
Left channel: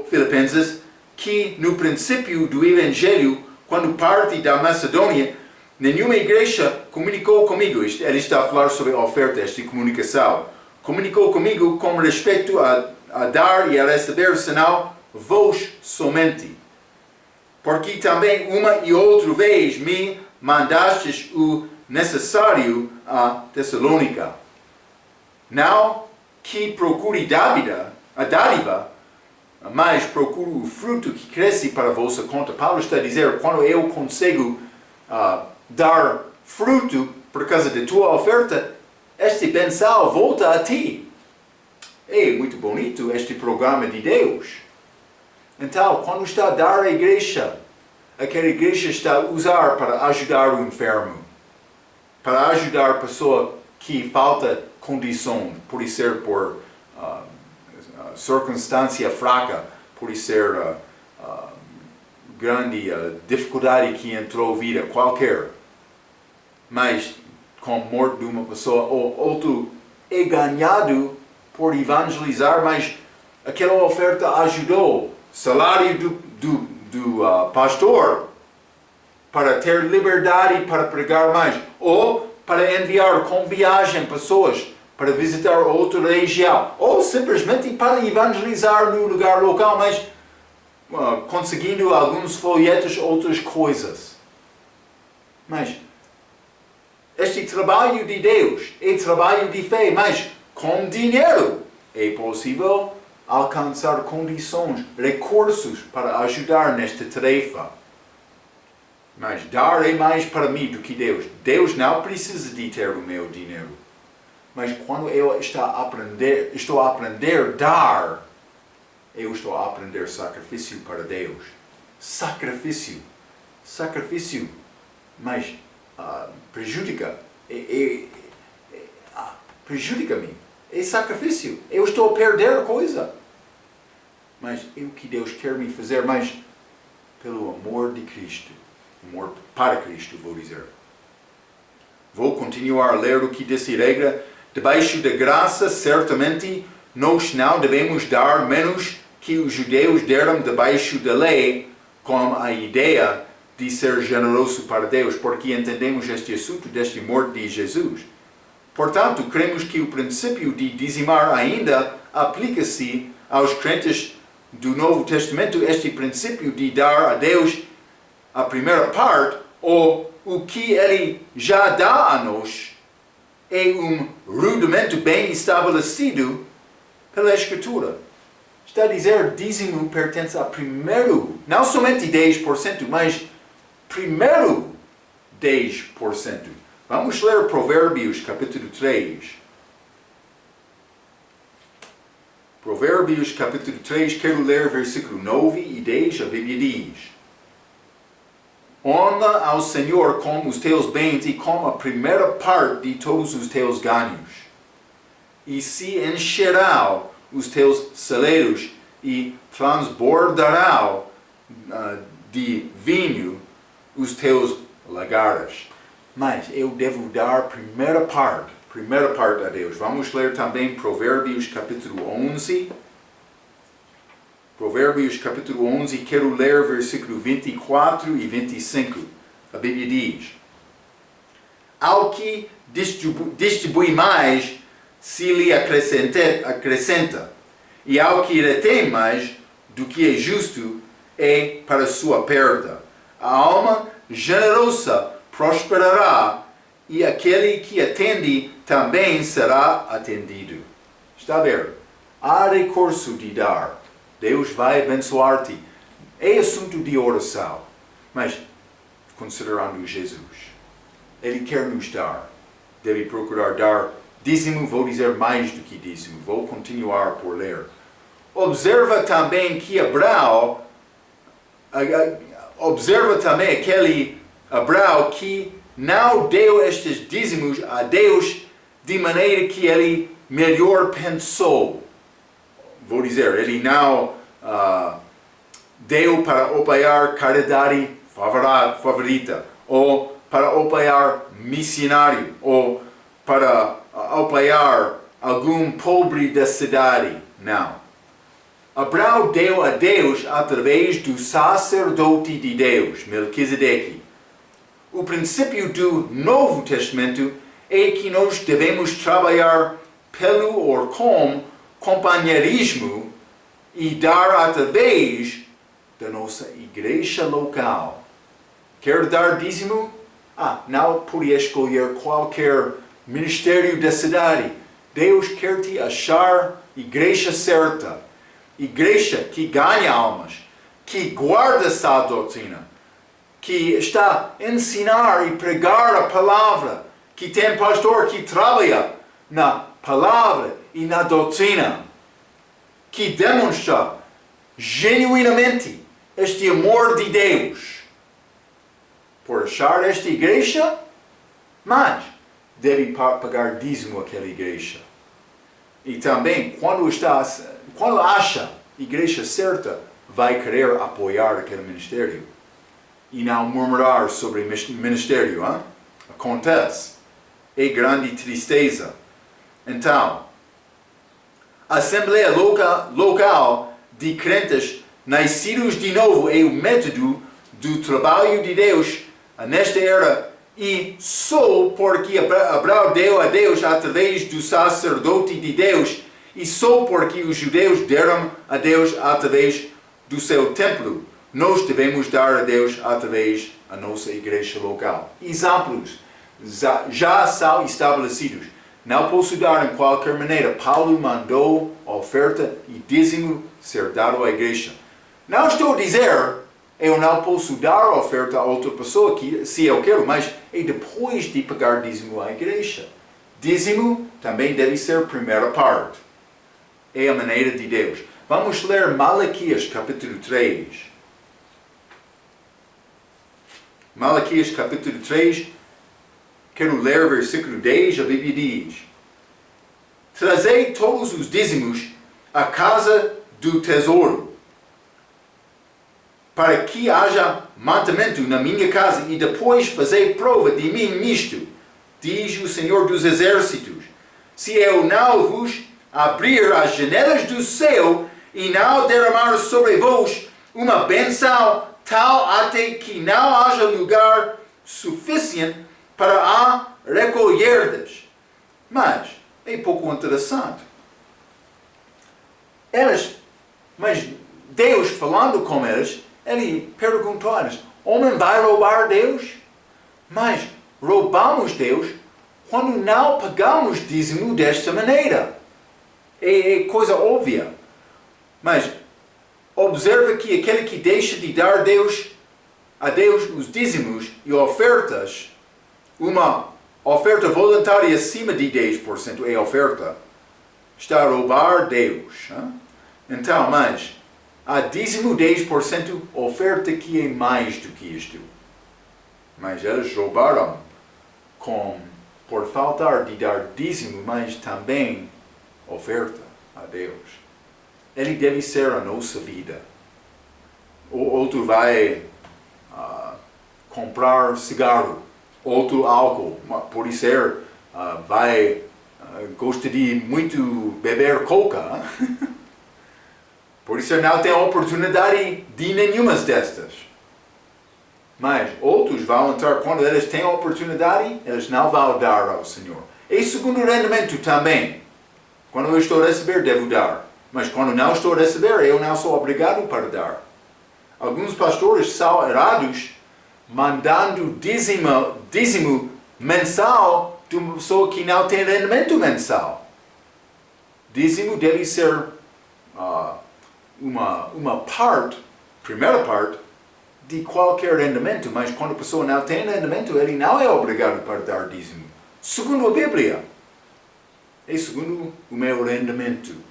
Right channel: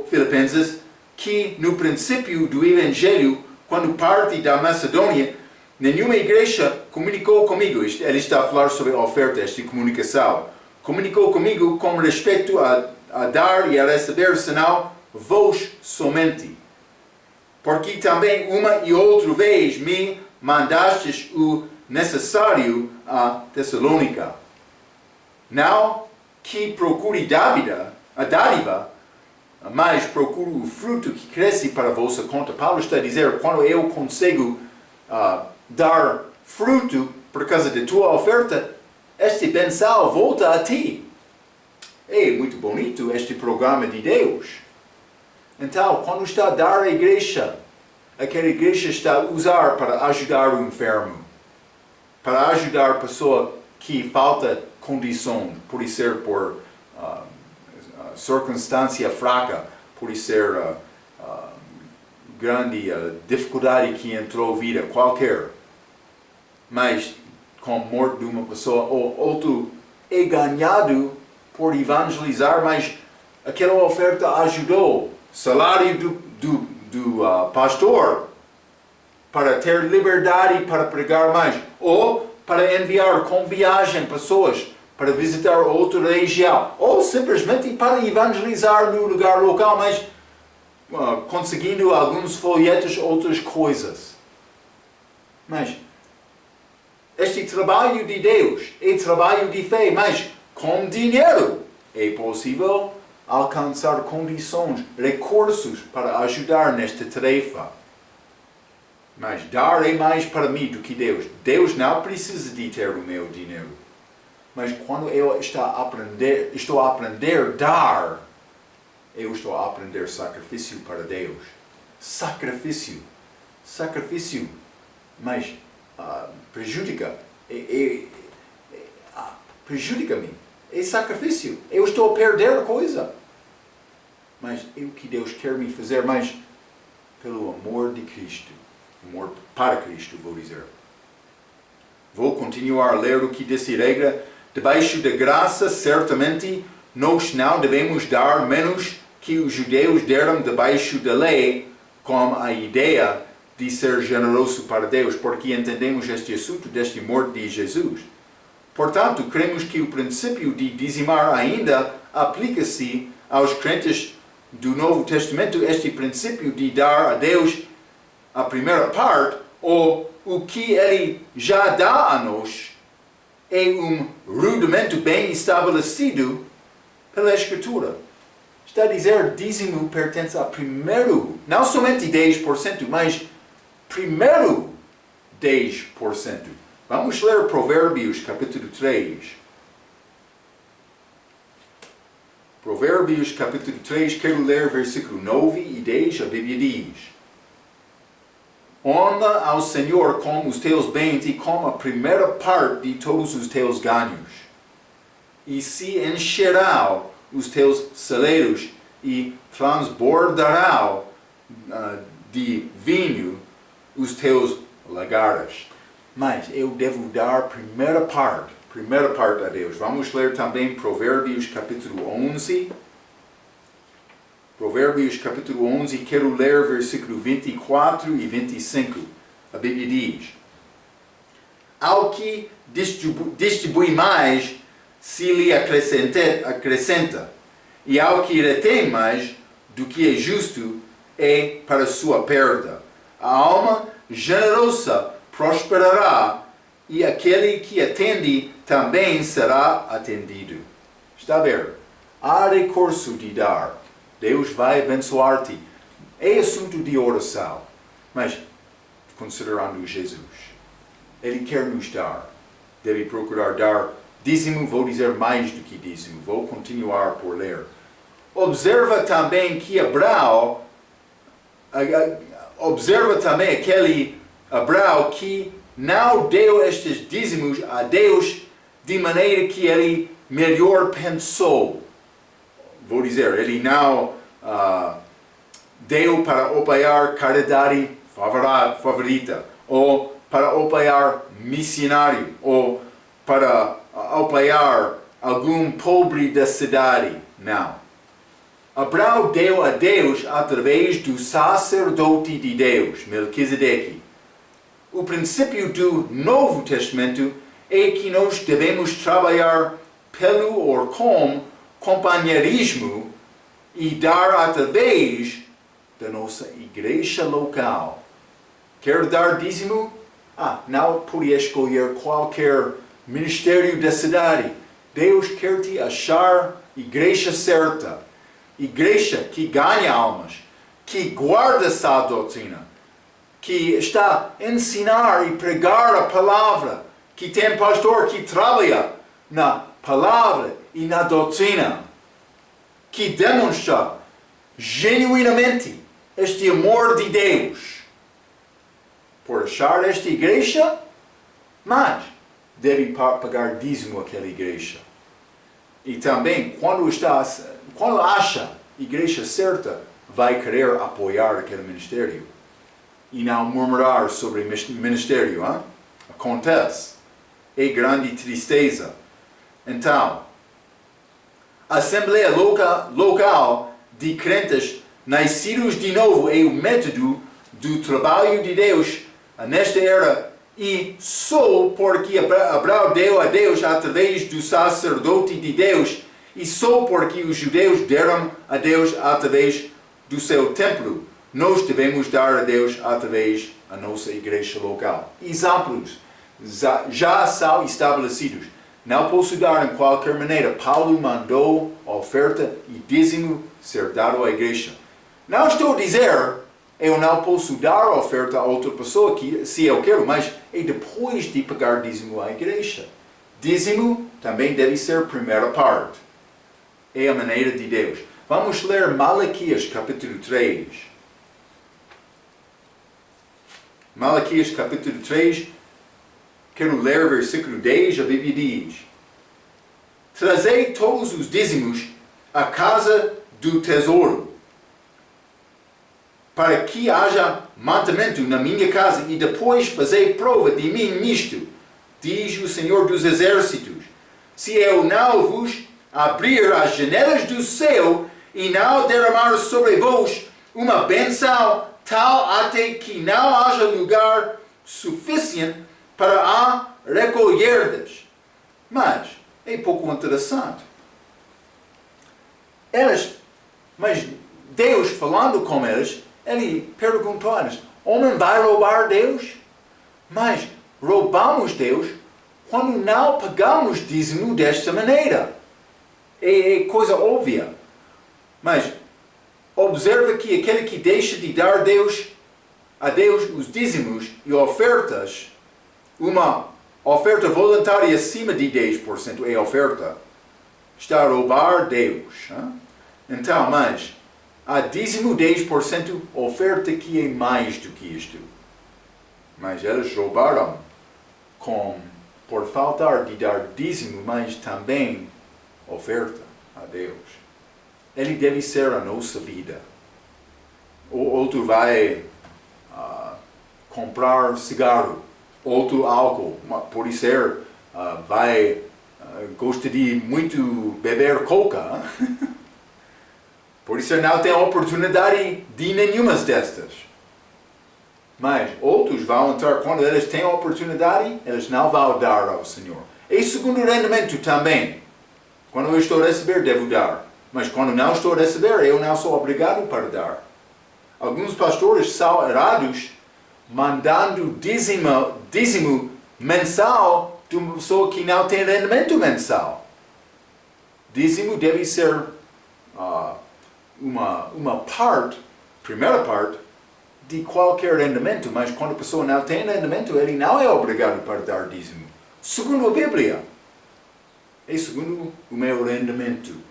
Filipenses, que no princípio do Evangelho, quando parte da Macedônia, nenhuma igreja comunicou comigo. Ele está a falar sobre a oferta, esta comunicação. Comunicou comigo com respeito a dar e a receber, senão vós somente. Porque também uma e outra vez me mandastes o necessário a Tessalônica. Não que procure a dádiva, mas procuro o fruto que cresce para a vossa conta. Paulo está a dizer, quando eu consigo dar fruto por causa da tua oferta, este benção volta a ti. É muito bonito este programa de Deus. Então, quando está a dar à igreja, aquela igreja está a usar para ajudar o enfermo, para ajudar a pessoa que falta condições, pode ser por circunstância fraca, pode ser grande dificuldade que entrou na vida, qualquer. Mas com a morte de uma pessoa, ou outro é ganhado por evangelizar, mas aquela oferta ajudou. Salário do pastor para ter liberdade para pregar mais, ou para enviar com viagem pessoas para visitar outra região, ou simplesmente para evangelizar no lugar local, mas conseguindo alguns folhetos, outras coisas. Mas este trabalho de Deus é trabalho de fé, mas com dinheiro é possível alcançar condições, recursos para ajudar nesta tarefa. Mas dar é mais para mim do que Deus. Deus não precisa de ter o meu dinheiro. Mas quando eu estou a aprender a dar, eu estou a aprender sacrifício para Deus. Sacrifício. Mas prejudica. Prejudica-me. É sacrifício. Eu estou a perder a coisa. Mas é o que Deus quer me fazer, mas pelo amor de Cristo. Amor para Cristo, vou dizer. Vou continuar a ler o que diz a regra. Debaixo da graça, certamente, nós não devemos dar menos que os judeus deram debaixo da lei, com a ideia de ser generoso para Deus, porque entendemos este assunto deste morte de Jesus. Portanto, cremos que o princípio de dizimar ainda aplica-se aos crentes do Novo Testamento, este princípio de dar a Deus a primeira parte, ou o que Ele já dá a nós, é um rudimento bem estabelecido pela Escritura. Está a dizer, dízimo pertence a primeiro, não somente 10%, mas primeiro 10%. Vamos ler Provérbios, capítulo 3. Provérbios, capítulo 3, quero ler versículo 9 e 10, a Bíblia diz: Honra ao Senhor com os teus bens e com a primeira parte de todos os teus ganhos, e se encherão os teus celeiros e transbordarão de vinho os teus lagares. Mas eu devo dar primeira parte a Deus. Vamos ler também Provérbios capítulo 11. Provérbios capítulo 11, quero ler versículo 24 e 25. A Bíblia diz: Ao que distribui mais, se lhe acrescenta, e ao que retém mais do que é justo, é para sua perda. A alma generosa prosperará, e aquele que atende também será atendido. Está a ver? Há recurso de dar. Deus vai abençoar-te. É assunto de oração. Mas, considerando Jesus, Ele quer nos dar. Deve procurar dar dízimo, vou dizer mais do que dízimo. Vou continuar por ler. Observa também aquele Abraão que não deu estes dízimos a Deus de maneira que ele melhor pensou. Vou dizer, ele não deu para apoiar caridade favorita, ou para apoiar missionário, ou para apoiar algum pobre da cidade. Não. Abraão deu a Deus através do sacerdote de Deus, Melquisedeque. O princípio do Novo Testamento é que nós devemos trabalhar pelo ou com companheirismo e dar através da nossa igreja local. Quer dar dízimo? Não pode escolher qualquer ministério da cidade. Deus quer te achar igreja certa. Igreja que ganha almas, que guarda essa doutrina, que está a ensinar e pregar a palavra, que tem pastor que trabalha na palavra e na doutrina, que demonstra genuinamente este amor de Deus. Por achar esta igreja, mas deve pagar dízimo àquela igreja. E também, quando acha a igreja certa, vai querer apoiar aquele ministério. E não murmurar sobre o ministério. Acontece. É grande tristeza. Então, a Assembleia Local de crentes nascidos de novo é o método do trabalho de Deus nesta era, e só porque Abraão deu a Deus através do sacerdote de Deus, e só porque os judeus deram a Deus através do seu templo, nós devemos dar a Deus através da nossa igreja local. Exemplos já são estabelecidos. Não posso dar em qualquer maneira. Paulo mandou oferta e dízimo ser dado à igreja. Não estou a dizer, eu não posso dar oferta a outra pessoa se eu quero, mas é depois de pagar dízimo à igreja. Dízimo também deve ser a primeira parte. É a maneira de Deus. Vamos ler Malaquias capítulo 3. Malaquias capítulo 3, quero ler versículo 10, a Bíblia diz: Trazei todos os dízimos à casa do tesouro, para que haja mantimento na minha casa, e depois fazei prova de mim nisto, diz o Senhor dos Exércitos. Se eu não vos abrir as janelas do céu e não derramar sobre vós uma bênção tal até que não haja lugar suficiente para a recolherdes. Mas é pouco interessante. Mas Deus falando com eles, ele perguntou a eles: homem vai roubar Deus? Mas roubamos Deus quando não pagamos dízimo desta maneira. É coisa óbvia. Mas observa que aquele que deixa de dar a Deus os dízimos e ofertas, uma oferta voluntária acima de 10% é oferta, está a roubar Deus. Hein? Então, mas há dízimo 10% oferta que é mais do que isto. Mas eles roubaram por faltar de dar dízimo, mas também oferta a Deus. Ele deve ser a nossa vida. Outro vai comprar cigarro, outro álcool, pode ser, gosta de muito beber coca. Por isso não tem oportunidade de nenhuma destas. Mas outros vão entrar, quando eles têm oportunidade, eles não vão dar ao Senhor. E segundo rendimento também. Quando eu estou a receber, devo dar. Mas quando não estou a receber, eu não sou obrigado para dar. Alguns pastores são errados mandando dízimo mensal de uma pessoa que não tem rendimento mensal. Dízimo deve ser uma parte, primeira parte, de qualquer rendimento, mas quando a pessoa não tem rendimento, ele não é obrigado para dar dízimo. Segundo a Bíblia, é segundo o meu rendimento,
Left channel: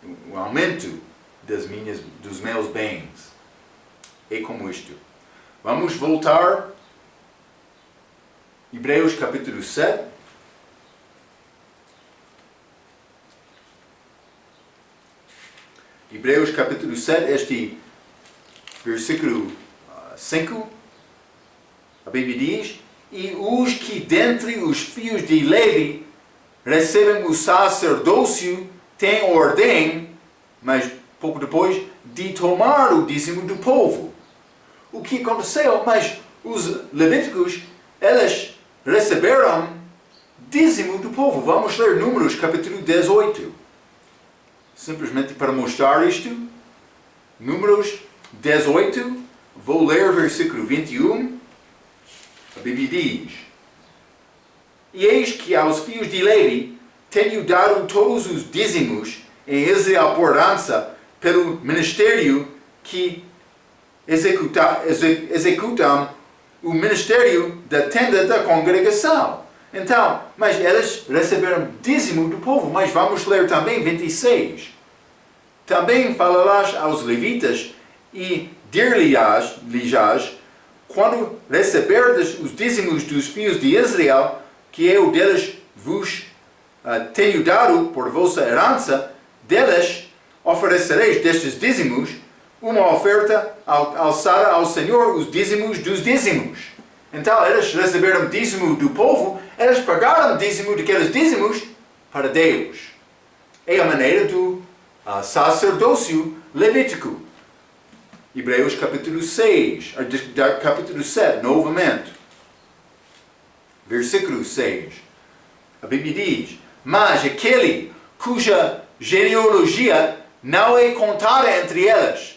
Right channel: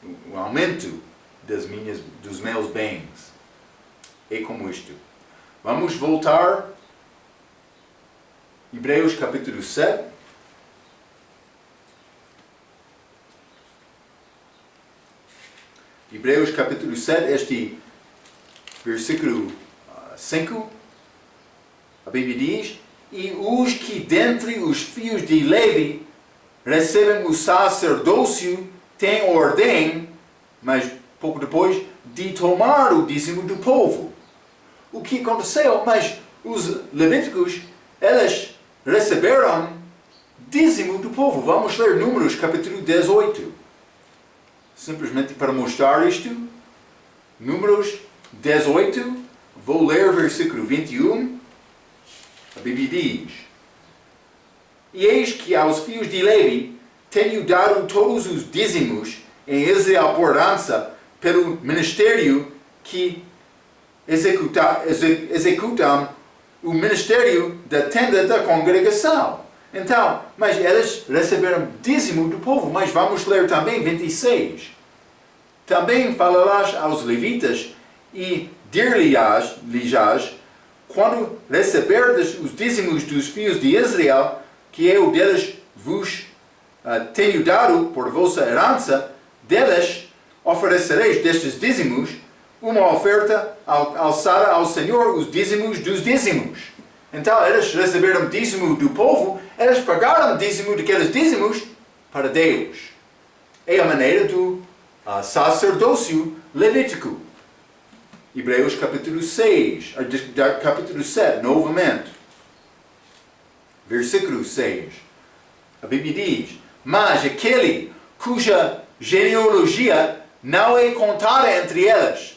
o aumento dos meus bens. É como isto. Vamos voltar. Hebreus capítulo 7. Hebreus capítulo 7, este versículo 5, a Bíblia diz: E os que dentre os filhos de Levi recebem o sacerdócio têm ordem, mas pouco depois, de tomar o dízimo do povo. O que aconteceu? Mas os levíticos, eles receberam dízimo do povo. Vamos ler Números capítulo 18. Simplesmente para mostrar isto. Números 18, vou ler versículo 21. A Bíblia diz: E eis que aos filhos de Levi tenho dado todos os dízimos em Israel por herança pelo ministério que executam o ministério da tenda da congregação. Então, mas eles receberam dízimo do povo. Mas vamos ler também 26. Também falarás aos levitas e dir-lhes, quando receberdes os dízimos dos filhos de Israel, que eu deles vos tenho dado por vossa herança, deles oferecereis destes dízimos uma oferta alçada ao Senhor, os dízimos dos dízimos. Então, eles receberam dízimo do povo, eles pagaram dízimo daqueles dízimos para Deus. É a maneira do sacerdócio levítico. Hebreus capítulo 6, capítulo 7, novamente. Versículo 6. A Bíblia diz: Mas aquele cuja genealogia não é contada entre eles,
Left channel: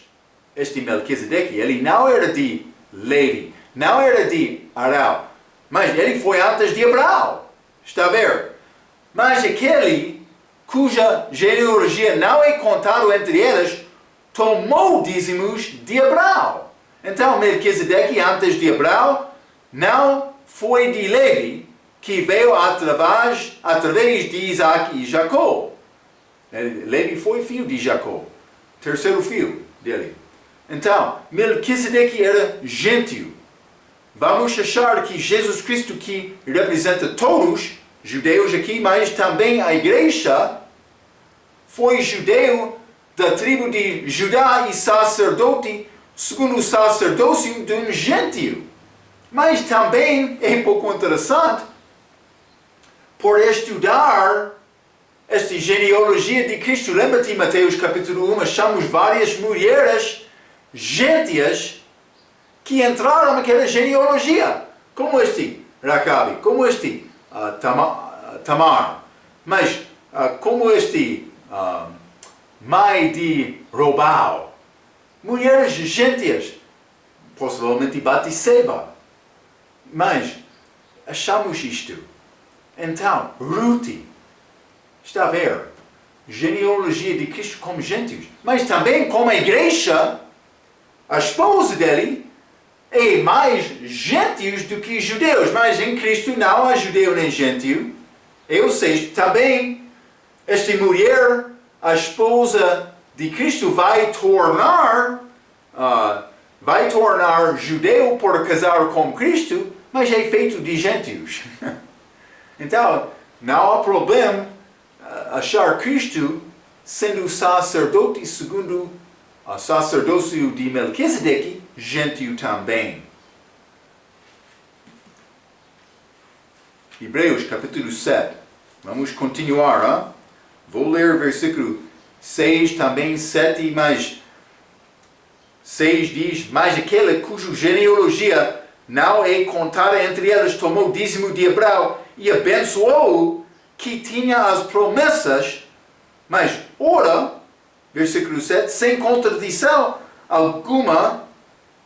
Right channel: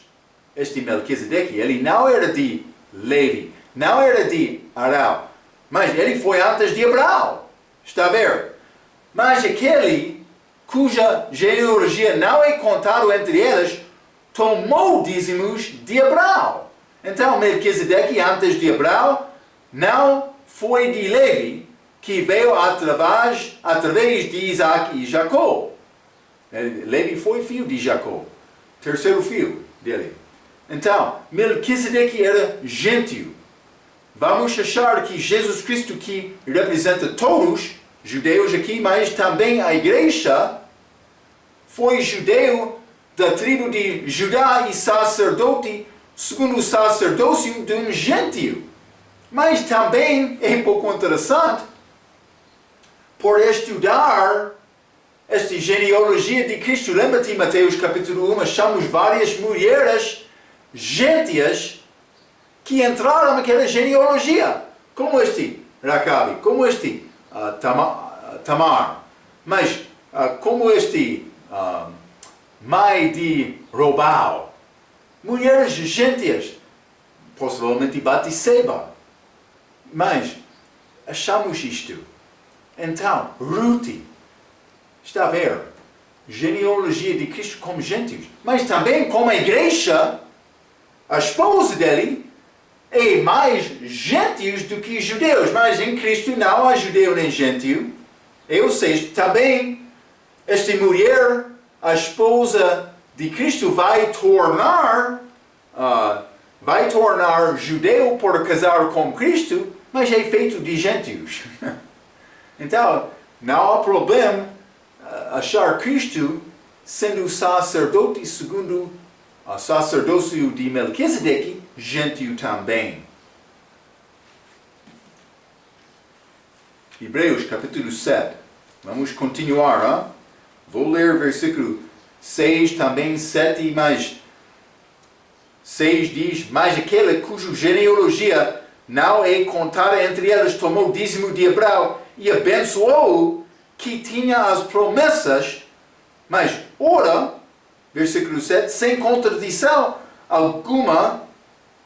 este Melquisedeque, ele não era de Levi, não era de Arão, mas ele foi antes de Abraão. Está a ver? Mas aquele cuja genealogia não é contado entre eles, tomou dízimos de Abraão. Então, Melquisedeque, antes de Abraão, não foi de Levi, que veio através de Isaac e Jacó. Levi foi filho de Jacó, terceiro filho dele. Então, Melquisedeque era gentio. Vamos achar que Jesus Cristo, que representa todos, judeus aqui, mas também a igreja, foi judeu da tribo de Judá e sacerdote, segundo o sacerdócio de um gentio. Mas também é um pouco interessante, por estudar esta genealogia de Cristo. Lembra-te, Mateus capítulo 1, achamos várias mulheres gentias que entraram naquela genealogia, como este Racabe, como este Tamar, mas como este mãe de Robal, mulheres gentias, possivelmente Batseba, mas achamos isto. Então, Ruth, está a ver, genealogia de Cristo como gentios, mas também como a igreja, a esposa dele, é mais gentios do que judeus, mas em Cristo não há judeu nem gentio. Ou seja, também esta mulher, a esposa de Cristo, vai tornar judeu por casar com Cristo, mas é feito de gentios. Então, não há problema achar Cristo sendo sacerdote segundo o sacerdócio de Melquisedeque, gentio também. Hebreus capítulo 7. Vamos continuar. Hein? Vou ler versículo 6 também, 7, mas 6 diz: mas aquele cuja genealogia não é contada entre eles tomou dízimo de Abraão e abençoou que tinha as promessas, mas ora, versículo 7, sem contradição alguma,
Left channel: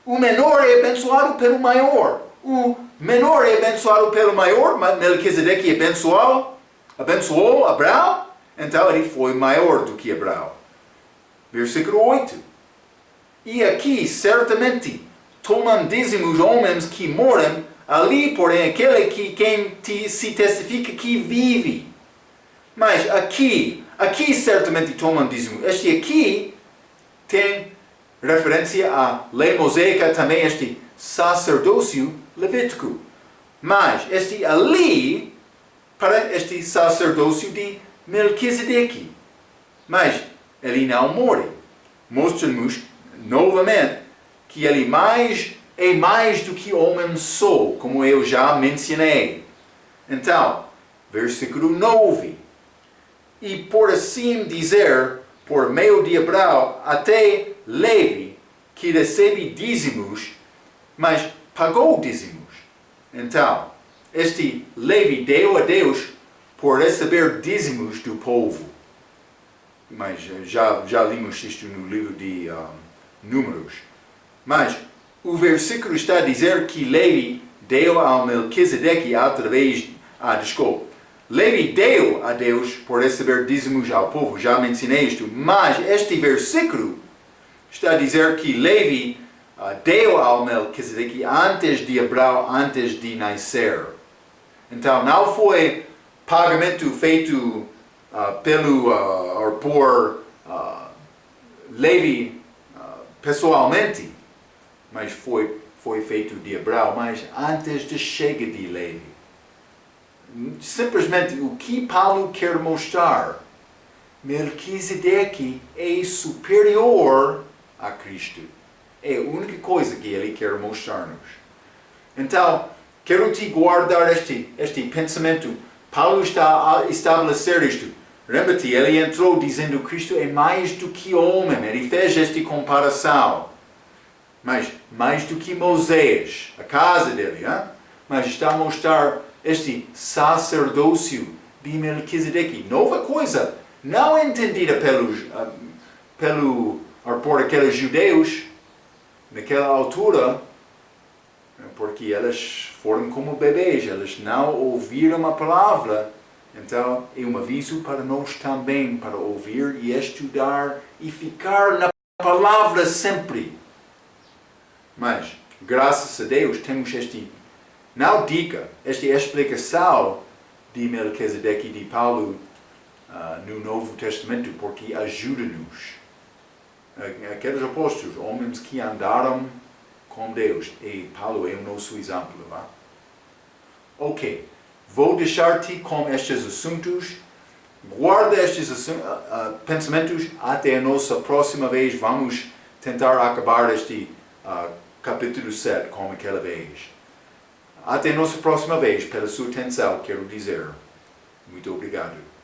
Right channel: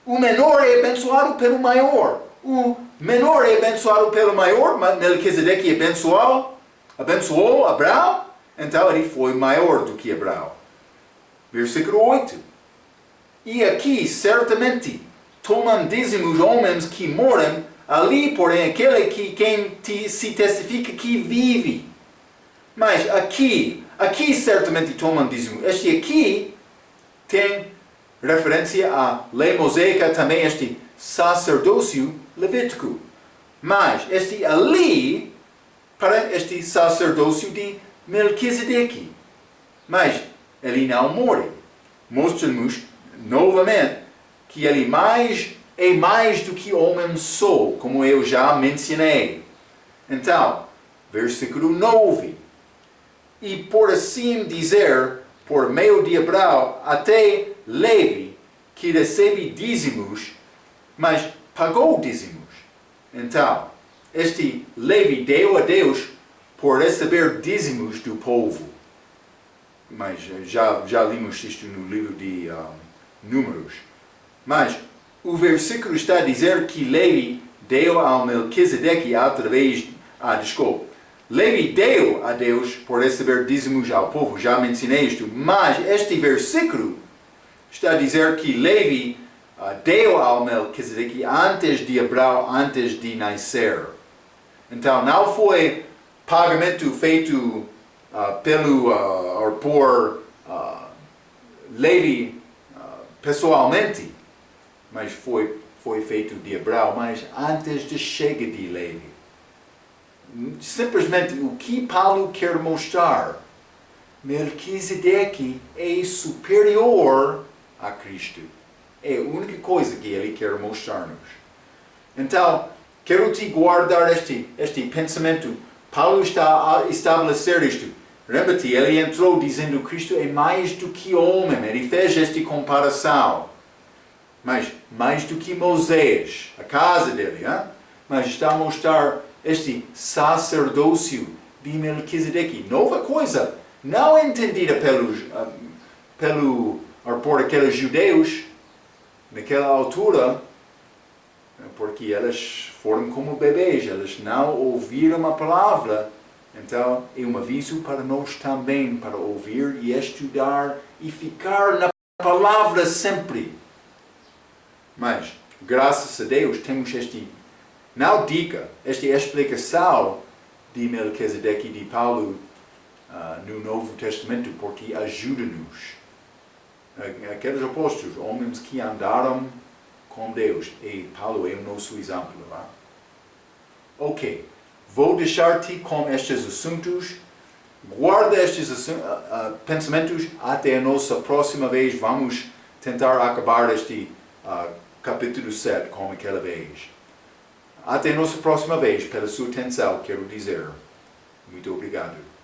o menor é abençoado pelo maior. O menor é abençoado pelo maior, Melquisedeque abençoou Abraão, então ele foi maior do que Abraão. Versículo 8. E aqui, certamente, tomam dízimos homens que moram ali, porém, aquele que quem se testifica que vive. Mas aqui certamente tomam dízimo. Este aqui tem referência à lei mosaica, também este sacerdócio levítico. Mas este ali, para este sacerdócio de Melquisedeque. Mas ele não morre. Mostra-nos novamente que ele é mais do que homem só, como eu já mencionei. Então, versículo 9. E por assim dizer, por meio de Abraão, até Levi, que recebe dízimos, mas pagou dízimos. Então, este Levi deu a Deus por receber dízimos do povo. Mas já limos isto no livro de Números. Mas o versículo está a dizer que Levi deu ao Melquisedeque através... Levi deu a Deus por receber dízimos ao povo, já mencionei isto, mas este versículo está a dizer que Levi deu ao Melquisedeque antes de Abraão, antes de nascer. Então não foi pagamento feito por Levi pessoalmente, mas foi feito de Abraão, mas antes da chegada de Levi. Simplesmente o que Paulo quer mostrar, Melquisedeque é superior a Cristo. É a única coisa que ele quer mostrar-nos. Então, quero te guardar este pensamento. Paulo está a estabelecer isto. Lembra-te, ele entrou dizendo que Cristo é mais do que homem. Ele fez esta comparação. Mas mais do que Moisés, a casa dele. Hein? Mas está a mostrar este sacerdócio de Melquisedeque. Nova coisa, não entendida por aqueles judeus naquela altura, porque elas foram como bebês, elas não ouviram a palavra. Então, é um aviso para nós também, para ouvir e estudar e ficar na palavra sempre. Mas, graças a Deus, temos não dica, esta explicação de Melquisedeque e de Paulo no Novo Testamento, porque ajuda-nos. Aqueles apóstolos, homens que andaram com Deus, e Paulo é o nosso exemplo. Ok, vou deixar-te com estes assuntos. Guarda estes pensamentos até a nossa próxima vez. Vamos tentar acabar este capítulo 7 como aquela vez. Até a nossa próxima vez, pela sua atenção, quero dizer. Muito obrigado.